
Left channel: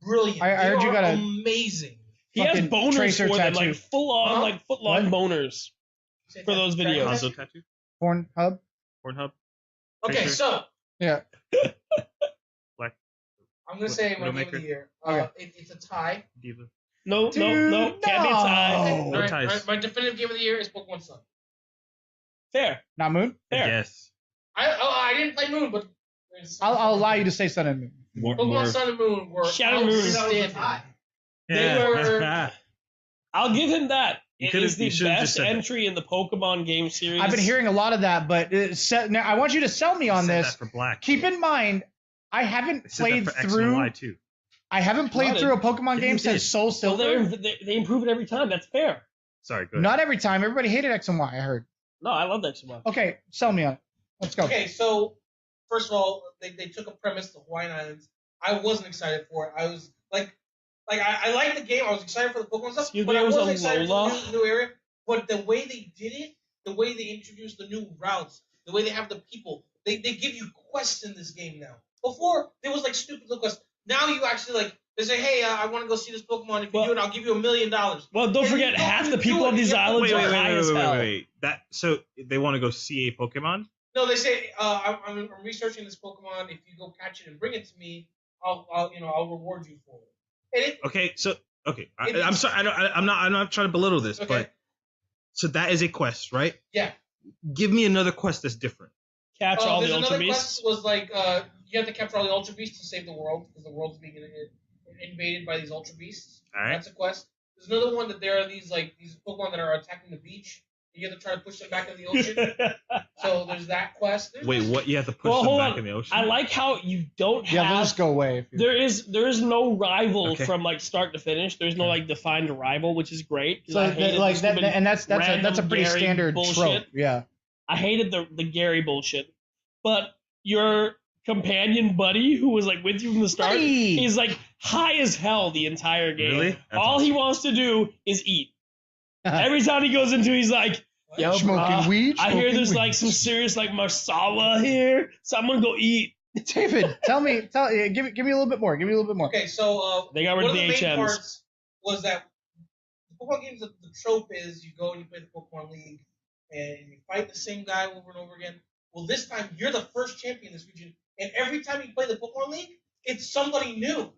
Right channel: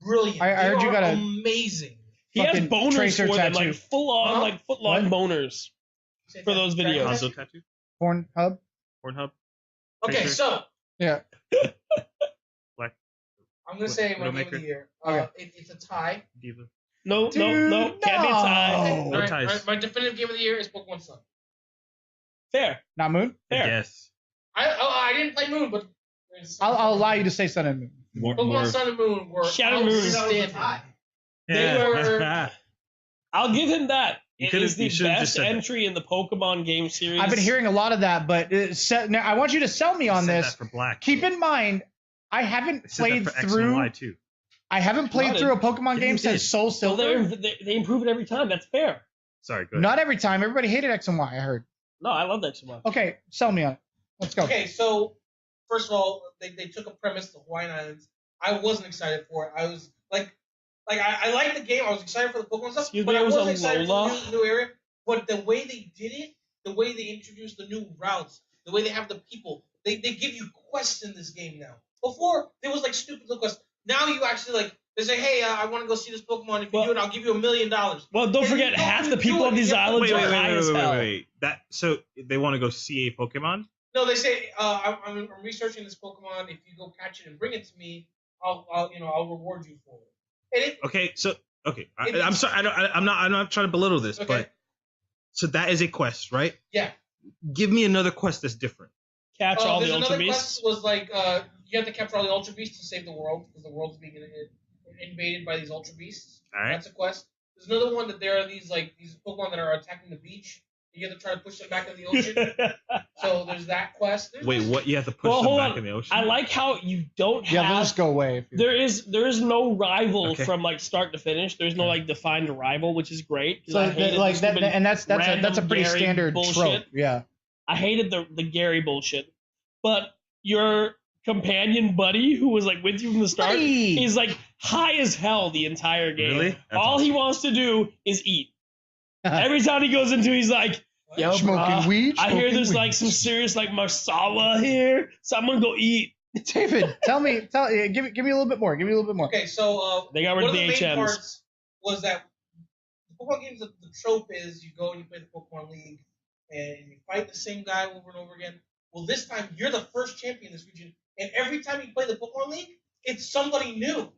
brilliant. I heard you got amazing. He has boners for them, like full on, foot-long boners for those videos. Pornhub. Pornhub. Okay, so yeah. I'm gonna say my game of the year. Okay. It's a tie. Diva. No, Dude, can't be a tie. No ties. My definitive game of the year is Pokemon Sun. Fair. Not Moon? Fair. Yes. I didn't play Moon, but I'll allow you to say Sun and Moon. Pokemon Sun and Moon were Shadow Moon is outstanding. They were. I'll give him that. It is the best entry in the Pokemon game series. I've been hearing a lot of that, but now I want you to sell me on this. For black. Keep in mind, I haven't played through. I haven't played through a Pokemon game since Soul Silver. Well, they improve it every time. That's fair. Sorry, go ahead. Not every time. Everybody hated X and Y, I heard. No, I love X and Y. Okay, sell me on. Let's go. Okay, so first of all, they took a premise, the Hawaiian Islands. I wasn't excited for it. I was like I liked the game. I was excited for the Pokemon stuff, but I wasn't excited for the new area. But the way they did it, the way they introduced the new routes, the way they have the people, they give you quests in this game now. Before, there was like stupid little quests. Now you actually they say, hey, I want to go see this Pokemon. If you do it, I'll give you $1 million. Well, don't forget, half the people on these islands are high as hell. Wait. So they want to go see a Pokemon? No, they say, I'm researching this Pokemon. If you go catch it and bring it to me, I'll reward you for it. I'm sorry. I'm not trying to belittle this, but so that is a quest, right? Yeah. Give me another quest that's different. Catch all the Ultra Quest Beasts. was you have to capture all the Ultra Beasts to save the world because the world's being invaded by these Ultra Beasts. All right. That's a quest. There's another one that there are these Pokemon that are attacking the beach. You have to try to push them back in the ocean. So there's that quest. Wait, what? You have to push them back in the ocean? I like how you don't have. Yeah, they'll just go away. There is no rival from start to finish. There's no defined rival, which is great. So that's a pretty Gary standard bullshit. trope. Yeah. I hated the Gary bullshit, but your companion buddy who was with you from the start, he's high as hell the entire game. Really? All he wants to do is eat. Every time he goes into, he's like, yo, smoking weed. I hear there's some serious masala here, so I'm gonna go eat. David, give me a little bit more. Give me a little bit more. Okay, so they got rid of the main HMs. Parts was that the Pokemon games, the trope is you go and you play the Pokemon League and you fight the same guy over and over again. Well, this time you're the first champion in this region, and every time you play the Pokemon League, it's somebody new.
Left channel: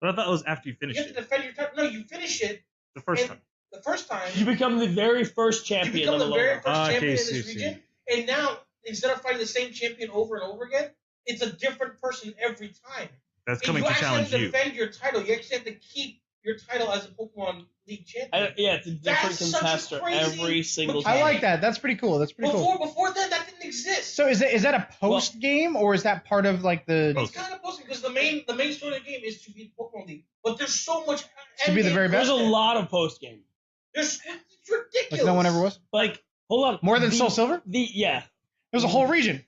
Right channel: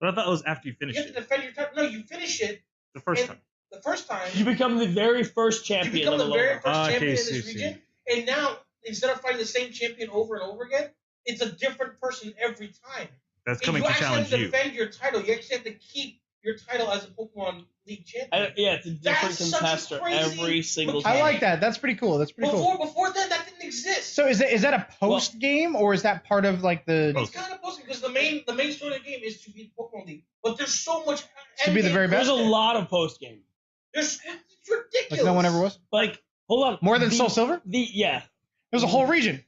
But I thought it was after you finish it. You have to defend your time. No, you finish it the first time. The first time you become the very first champion. You become the very first champion in this region, and now instead of fighting the same champion over and over again, it's a different person every time. That's coming to challenge you. You actually have to defend your title. You actually have to keep your title as a Pokemon League champion. It's a different contester every single time. I like that. That's pretty cool. Before that didn't exist. So is that a post game or is that part of the? It's kind of post game because the main story of the game is to beat Pokemon League, but there's so much. To be the very best. There's a lot of post game. It's ridiculous. No one ever was. Hold on. More than Soul Silver? There's a whole region.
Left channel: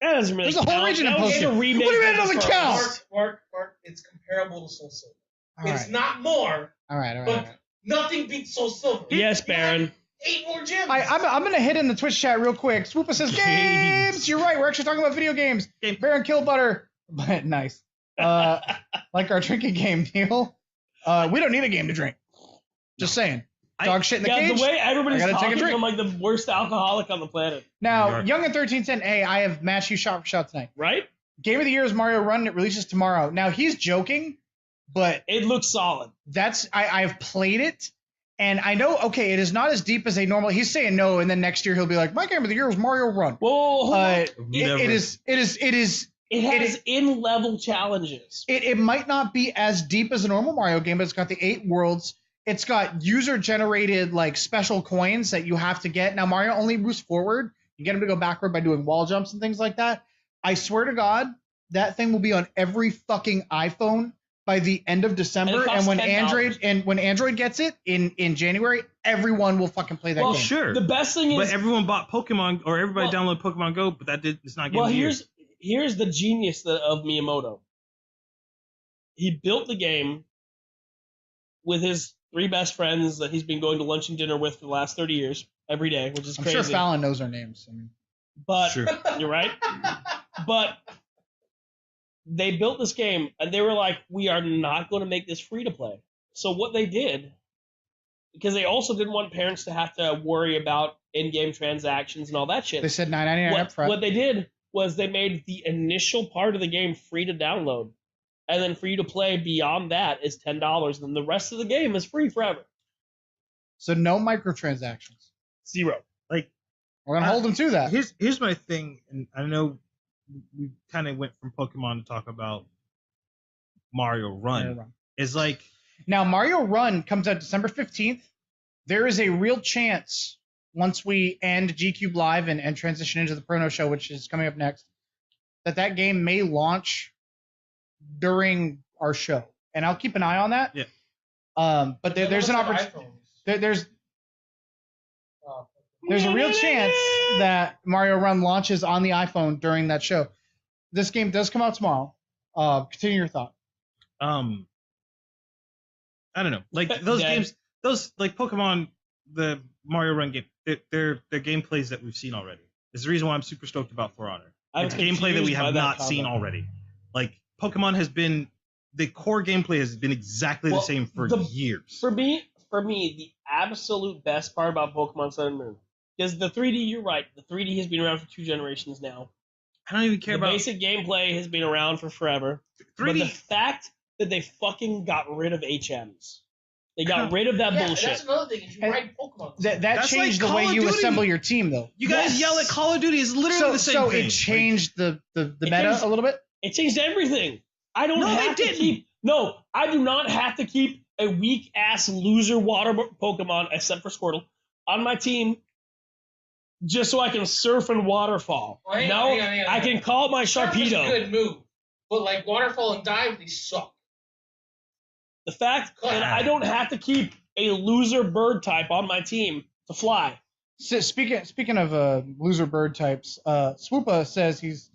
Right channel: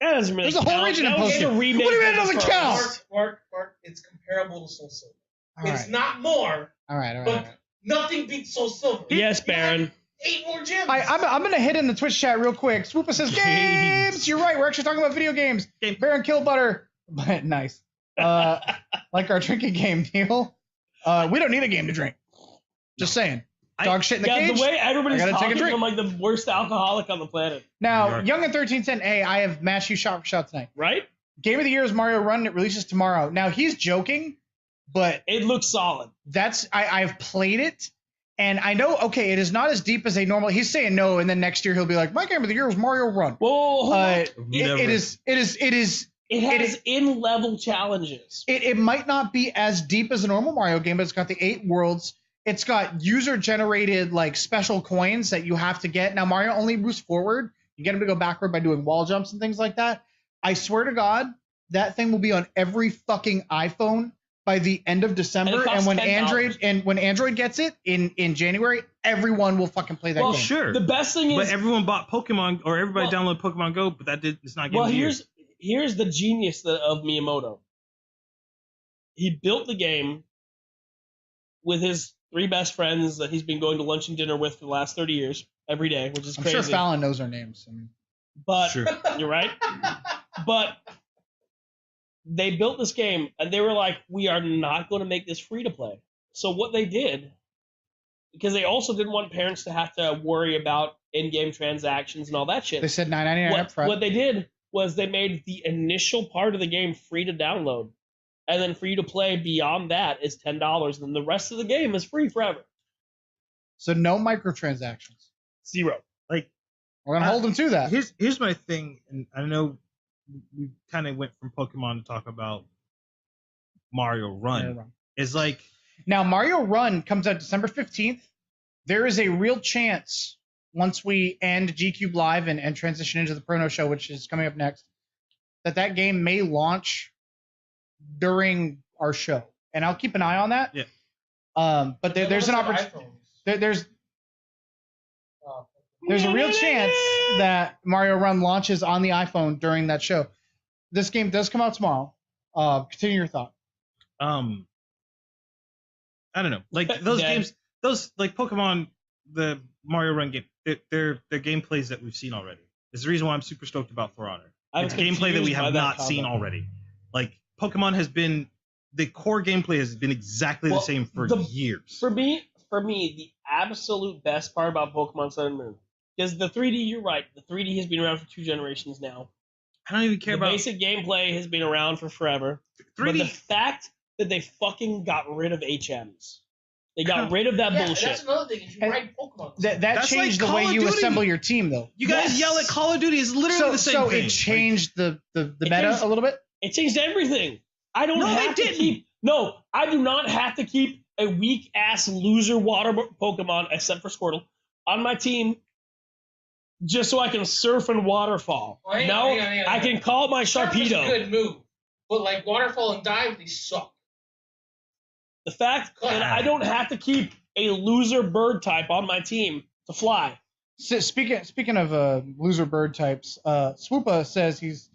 That doesn't really count. There's a whole region in post game. What do you mean it doesn't count? Mark, it's comparable to Soul Silver. It's right. Not more. All right. But nothing beats Soul Silver. Yes, Baron. 8 more gyms. I'm going to hit in the Twitch chat real quick. Swoopa says, games! You're right. We're actually talking about video games. Baron Kill Butter. Nice. Like our drinking game deal. We don't need a game to drink. Just saying. Dog shit in the cage. The way everybody's take a talking, drink. I'm like the worst alcoholic on the planet. Now, Young at 1310, hey, I have matched you shot for shot tonight. Right? Game of the year is Mario Run. It releases tomorrow. Now, he's joking, but it looks solid. I've played it, and I know, okay, it is not as deep as a normal. He's saying no, and then next year he'll be like, my game of the year was Mario Run. Whoa, it has in-level challenges. It might not be as deep as a normal Mario game, but it's got the 8 worlds. It's got user-generated special coins that you have to get. Now, Mario only moves forward. You get him to go backward by doing wall jumps and things like that. I swear to God, that thing will be on every fucking iPhone by the end of December. And when Android gets it in January, everyone will fucking play that game. Well, sure. The best thing is, but everyone bought Pokemon, or everybody downloaded Pokemon Go, but it's not Game of the Year. Here's the genius of Miyamoto. He built the game with his 3 best friends that he's been going to lunch and dinner with for the last 30 years, every day, which is crazy. I'm sure Fallon knows our names. But sure. You're right. But they built this game, and they were like, we are not going to make this free to play. So what they did, because they also didn't want parents to have to worry about in-game transactions and all that shit. They said $9.99 up front. What they did was they made the initial part of the game free to download. and then for you to play beyond that is $10, and then the rest of the game is free forever. So no microtransactions. 0. Like, we're gonna hold them to that. Here's my thing, and I know we kind of went from Pokemon to talk about Mario Run. Is like now Mario Run comes out December 15th. There is a real chance once we end GCUB Live and transition into the Prono Show, which is coming up next, that game may launch during our show, and I'll keep an eye on that. Yeah. But there's an opportunity. There's a real chance that Mario Run launches on the iPhone during that show. This game does come out tomorrow. Continue your thought. I don't know. Like those games, those like Pokemon, the Mario Run game, they're gameplays that we've seen already. It's the reason why I'm super stoked about For Honor. It's gameplay that we have not seen already. Like Pokemon has been, the core gameplay has been exactly the same for years. For me, the absolute best part about Pokemon Sun and Moon is the 3D. You're right. The 3D has been around for 2 generations now. I don't even care the about basic gameplay has been around for forever. 3D. But the fact that they fucking got rid of HMs. They got rid of that bullshit. That's another thing. Is you write Pokemon. That changed like the way you assemble your team, though. You guys yell at Call of Duty is literally the same thing. So it changed the meta a little bit? It changed everything. I don't have to keep... No, I do not have to keep a weak-ass loser water Pokemon, except for Squirtle, on my team just so I can surf and waterfall. I can call my Surf is a Sharpedo. good move. But like waterfall and dive, they suck. The fact that I don't have to keep a loser bird type on my team to fly. So speaking of loser bird types, Swoopa says he's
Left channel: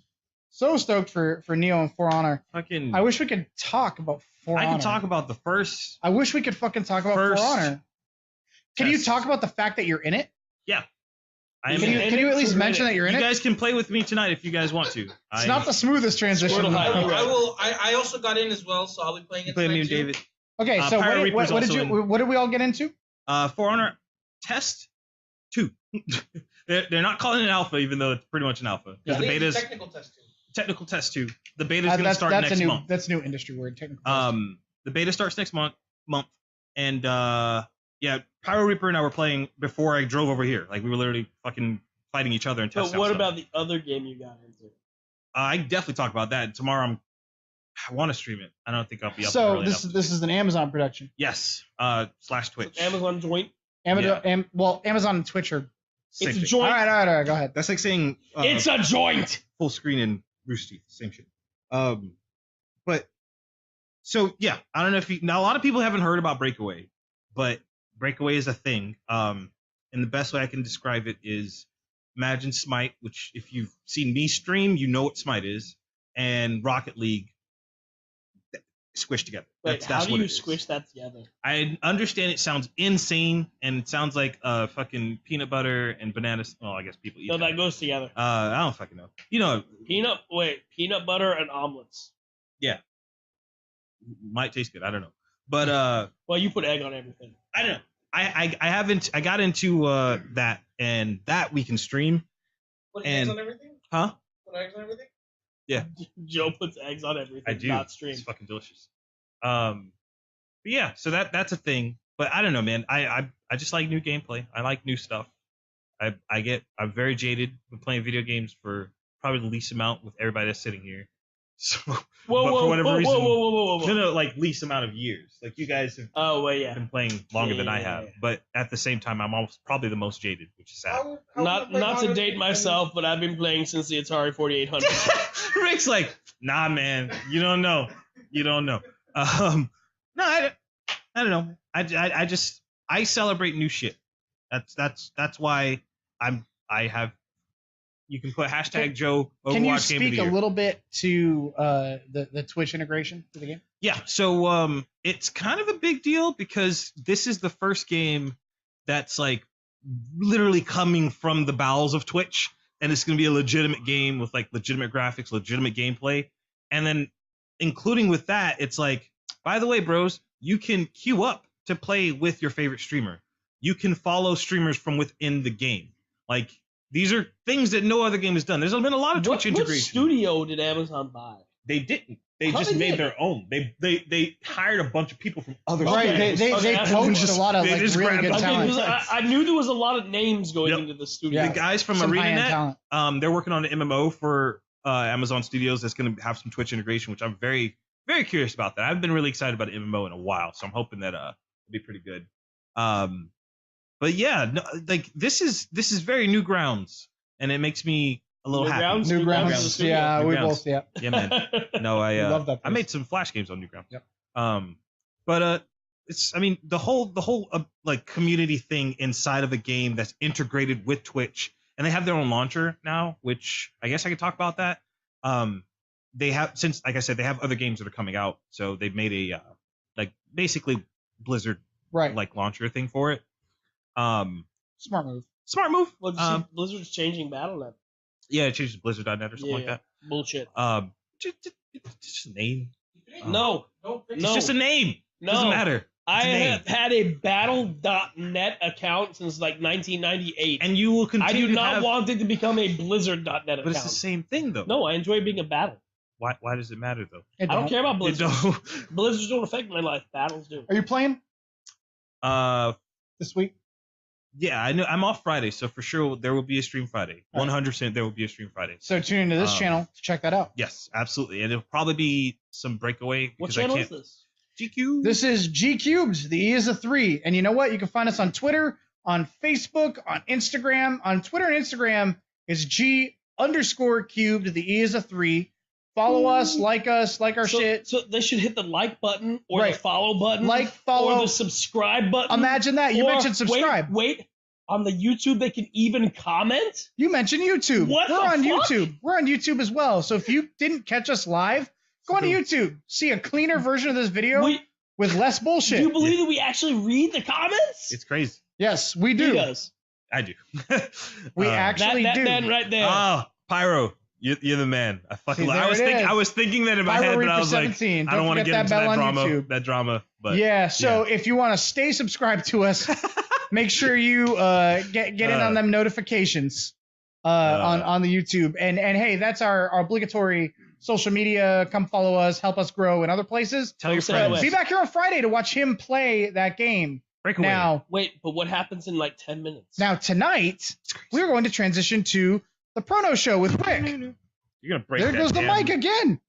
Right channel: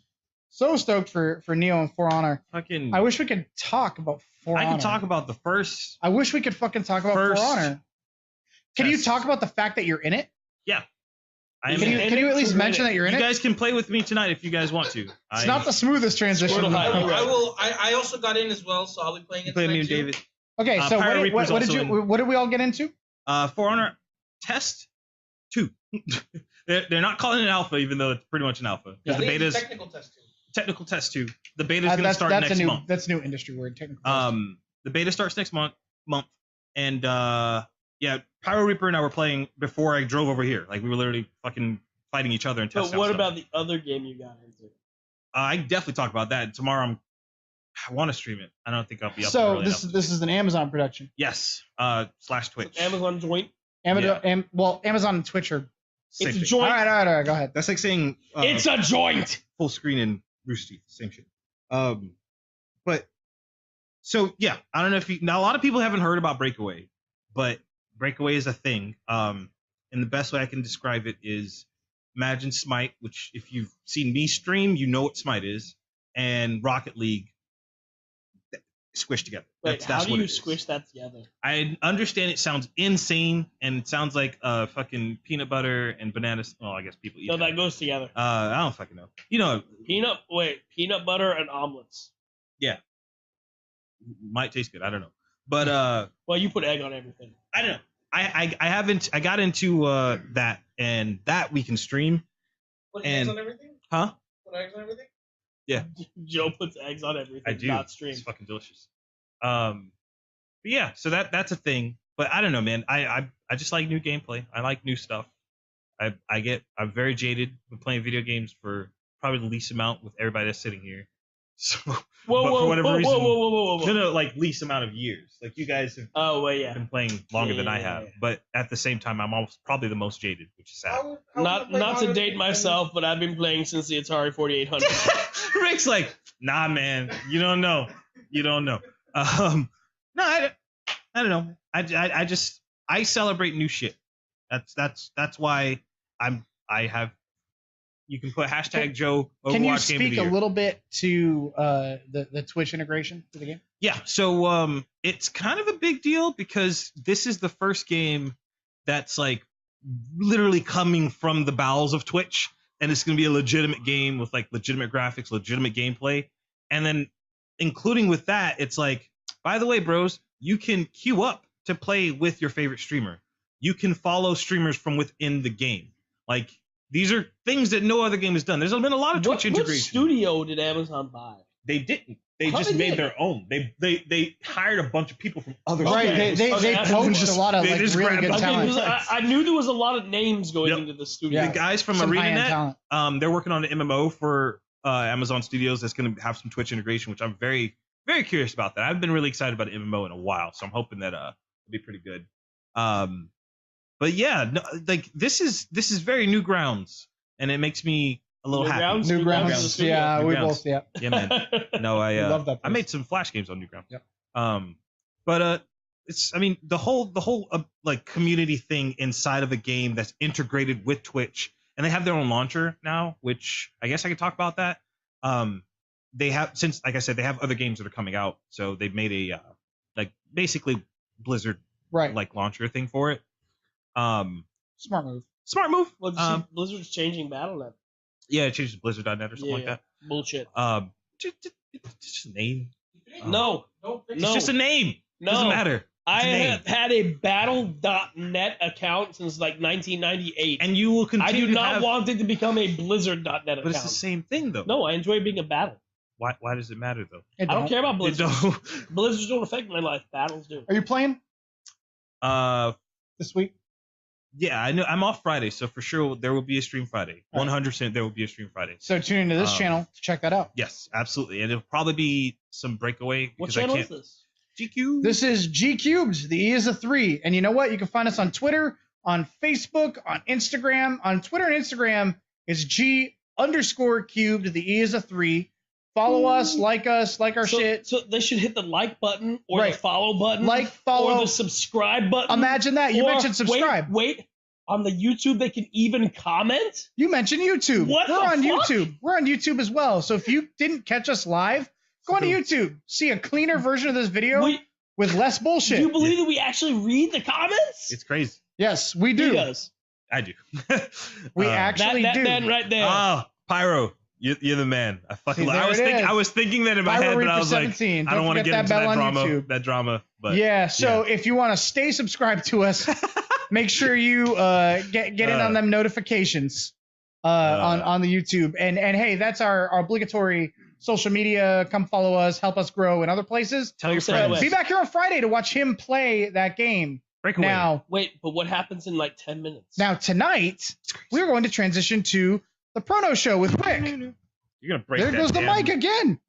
so stoked for Neo and For Honor. I wish we could talk about For Honor. I can talk about the first. I wish we could fucking talk about For Honor. Can you talk about the fact that you're in it? Yeah. Can you at least mention that you're in it? You guys can play with me tonight if you guys want to. It's not the smoothest transition. I also got in as well, so I'll be playing it tonight too. David. Okay, so what did we all get into? For Honor Test 2. They're not calling it an alpha, even though it's pretty much an alpha. Yeah, the beta's technical test 2. Technical test 2. The beta's going to start next month. That's a new industry word. Technical test. The beta starts next month, and yeah, Pyro Reaper and I were playing before I drove over here. Like we were literally fucking fighting each other and testing. But what about the other game you got into? I can definitely talk about that tomorrow. I want to stream it. I don't think I'll be up. So this is an Amazon production. Yes. / Twitch. Amazon joint. Amazon and Twitch are. It's a joint. All right. Go ahead. That's like saying it's a joint. Full screen and Rooster Teeth, same shit. But so yeah, I don't know if now a lot of people haven't heard about Breakaway, but Breakaway is a thing. And the best way I can describe it is imagine Smite, which if you've seen me stream, you know what Smite is, and Rocket League squished together. Wait, how do you squish that together? I understand it sounds insane and it sounds like fucking peanut butter and bananas. Well, I guess people eat. No, that goes together. I don't fucking know. You know, peanut butter and omelets. Yeah, might taste good. I don't know, but well, you put egg on everything. I don't know. I haven't. I got into that and that we can stream. Put eggs on everything? Huh? Put eggs on everything? Yeah. Joe puts eggs on everything. I do. Not stream. It's fucking delicious. But yeah, so that's a thing. But I don't know, man. I just like new gameplay. I like new stuff. I'm very jaded. Been playing video games for probably the least amount with everybody that's sitting here. So for whatever reason, like least amount of years. Like you guys have been playing longer than I have. But at the same time, I'm almost probably the most jaded, which is sad. Not to date myself, but I've been playing since the Atari 4800. Rick's like, nah, man, you don't know. No, I don't know. I celebrate new shit. That's why I have. You can put hashtag Joe Overwatch. Can you speak a little bit to the Twitch integration for the game? Yeah, so it's kind of a big deal because this is the first game that's like literally coming from the bowels of Twitch, and it's going to be a legitimate game with like legitimate graphics, legitimate gameplay, and then including with that, it's like, by the way, bros, you can queue up to play with your favorite streamer. You can follow streamers from within the game. Like, these are things that no other game has done. There's been a lot of Twitch integration. What studio did Amazon buy? They didn't. They How just they made did? their own. They hired a bunch of people from other Right, studios. they Okay, poached just- a lot of they like just really grabbed good a Okay, talent. 'cause I knew there was a lot of names going Yep. into the studio. Yeah. The guys from Some high-end ArenaNet, talent. they're working on an MMO for Amazon Studios that's going to have some Twitch integration, which I'm very, very curious about. That I've been really excited about an MMO in a while, so I'm hoping that it'll be pretty good. But yeah, no, like this is very new grounds, and it makes me a little New happy. grounds? New New grounds, grounds. yeah, New we grounds. both, yeah. Yeah, man. No, We love that I place. made some Flash games on Newgrounds. Yep. But it's, I mean, the whole like community thing inside of a game that's integrated with Twitch, and they have their own launcher now, which I guess I could talk about that. They have, since, like I said, they have other games that are coming out, so they've made a like basically Blizzard Right. like launcher thing for it. Smart move. Smart move. Well, did you see Blizzard's changing Battle.net. Yeah, it changes to Blizzard.net or something like that. Bullshit. Just a name. No. It's just a name. No. Doesn't matter. It's I a name. have had a Battle.net account since like 1998. And you will I continue do to not have, want it to become a Blizzard.net account. but it's the same thing though. No, I enjoy being a Battle. Why does it matter though? It I don't care about Blizzard. Don't- Blizzards don't affect my life. Battles do. Are you playing this week? Yeah, I know. I'm off Friday, so for sure there will be a stream Friday. 100% there will be a stream Friday. So tune into this channel to check that out. Yes, absolutely, and it'll probably be some breakaway. What because I channel can't. is this? GQ. This is GCUB3D. The E is a 3. And you know what? You can find us on Twitter, on Facebook, on Instagram. On Twitter and Instagram, it's G_cubed. The E is a 3. Follow us, like our shit. So they should hit the like button or Right. the follow button. Like, follow. Or the subscribe button. Imagine that. You Or mentioned subscribe. Wait. On the YouTube, they can even comment? You mentioned YouTube. What We're the on fuck? YouTube. We're on YouTube as well. So if you didn't catch us live, go on YouTube. See a cleaner version of this video with less Do bullshit. you believe that we actually read the comments? It's crazy. Yes, we He do. does. I do. We actually that do. man right there. Pyro, you're the man. I fucking. See, there it is. I was thinking that in my Pyro head, but I for was like, 17. I don't want to forget get into bell that on drama. YouTube. That drama. But Yeah, so if you want to stay subscribed to us, make sure you get in on them notifications on the YouTube. And hey, that's our obligatory social media. Come follow us, help us grow in other places. Tell your friends. Be back here on Friday to watch him play that game. Breakaway. Now, Wait, but what happens in like 10 minutes? tonight, we're going to transition to the Prono Show with Rick. You're gonna break. There that goes the damn- mic again.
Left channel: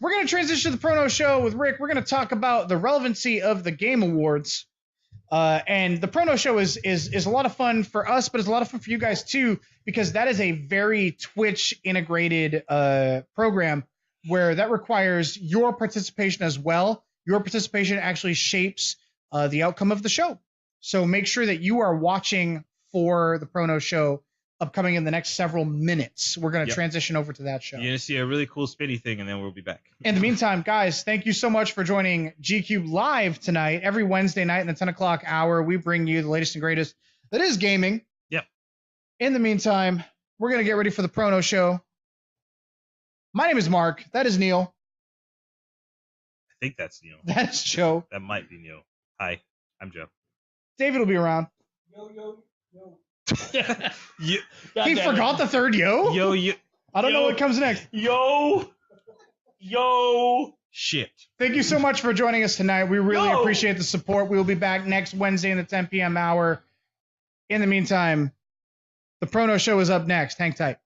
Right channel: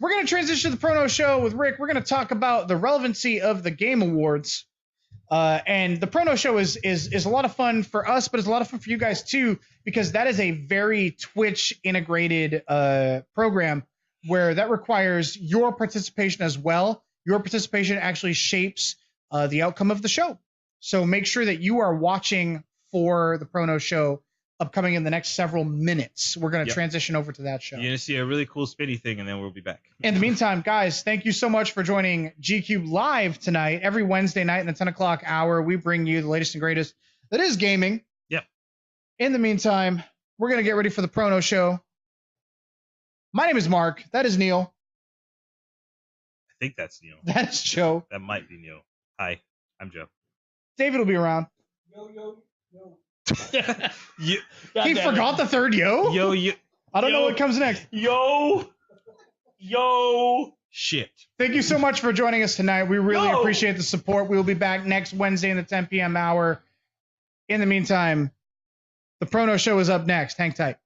We're going to transition to the Prono Show with Rick. We're going to talk about the relevancy of the Game Awards. And the Prono Show is a lot of fun for us, but it's a lot of fun for you guys too, because that is a very Twitch integrated program where that requires your participation as well. Your participation actually shapes the outcome of the show. So make sure that you are watching for the Prono Show upcoming in the next several minutes. We're going to transition over to that show. You're gonna see a really cool spinny thing, and then we'll be back. In the meantime, guys, thank you so much for joining GCUB Live tonight. Every Wednesday night in the 10 o'clock hour, we bring you the latest and greatest that is gaming. Yep. In the meantime, we're going to get ready for the Prono Show. My name is Mark. That is Neil. I think that's Neil. That's Joe. That might be Neil. Hi, I'm Joe. David will be around. You, He forgot the third yo. yo, I don't know what comes next. Yo. shit. Thank you so much for joining us tonight. We really appreciate the support. We will be back next Wednesday in the 10 p.m. hour. In the meantime, the Prono Show is up next. Hang tight.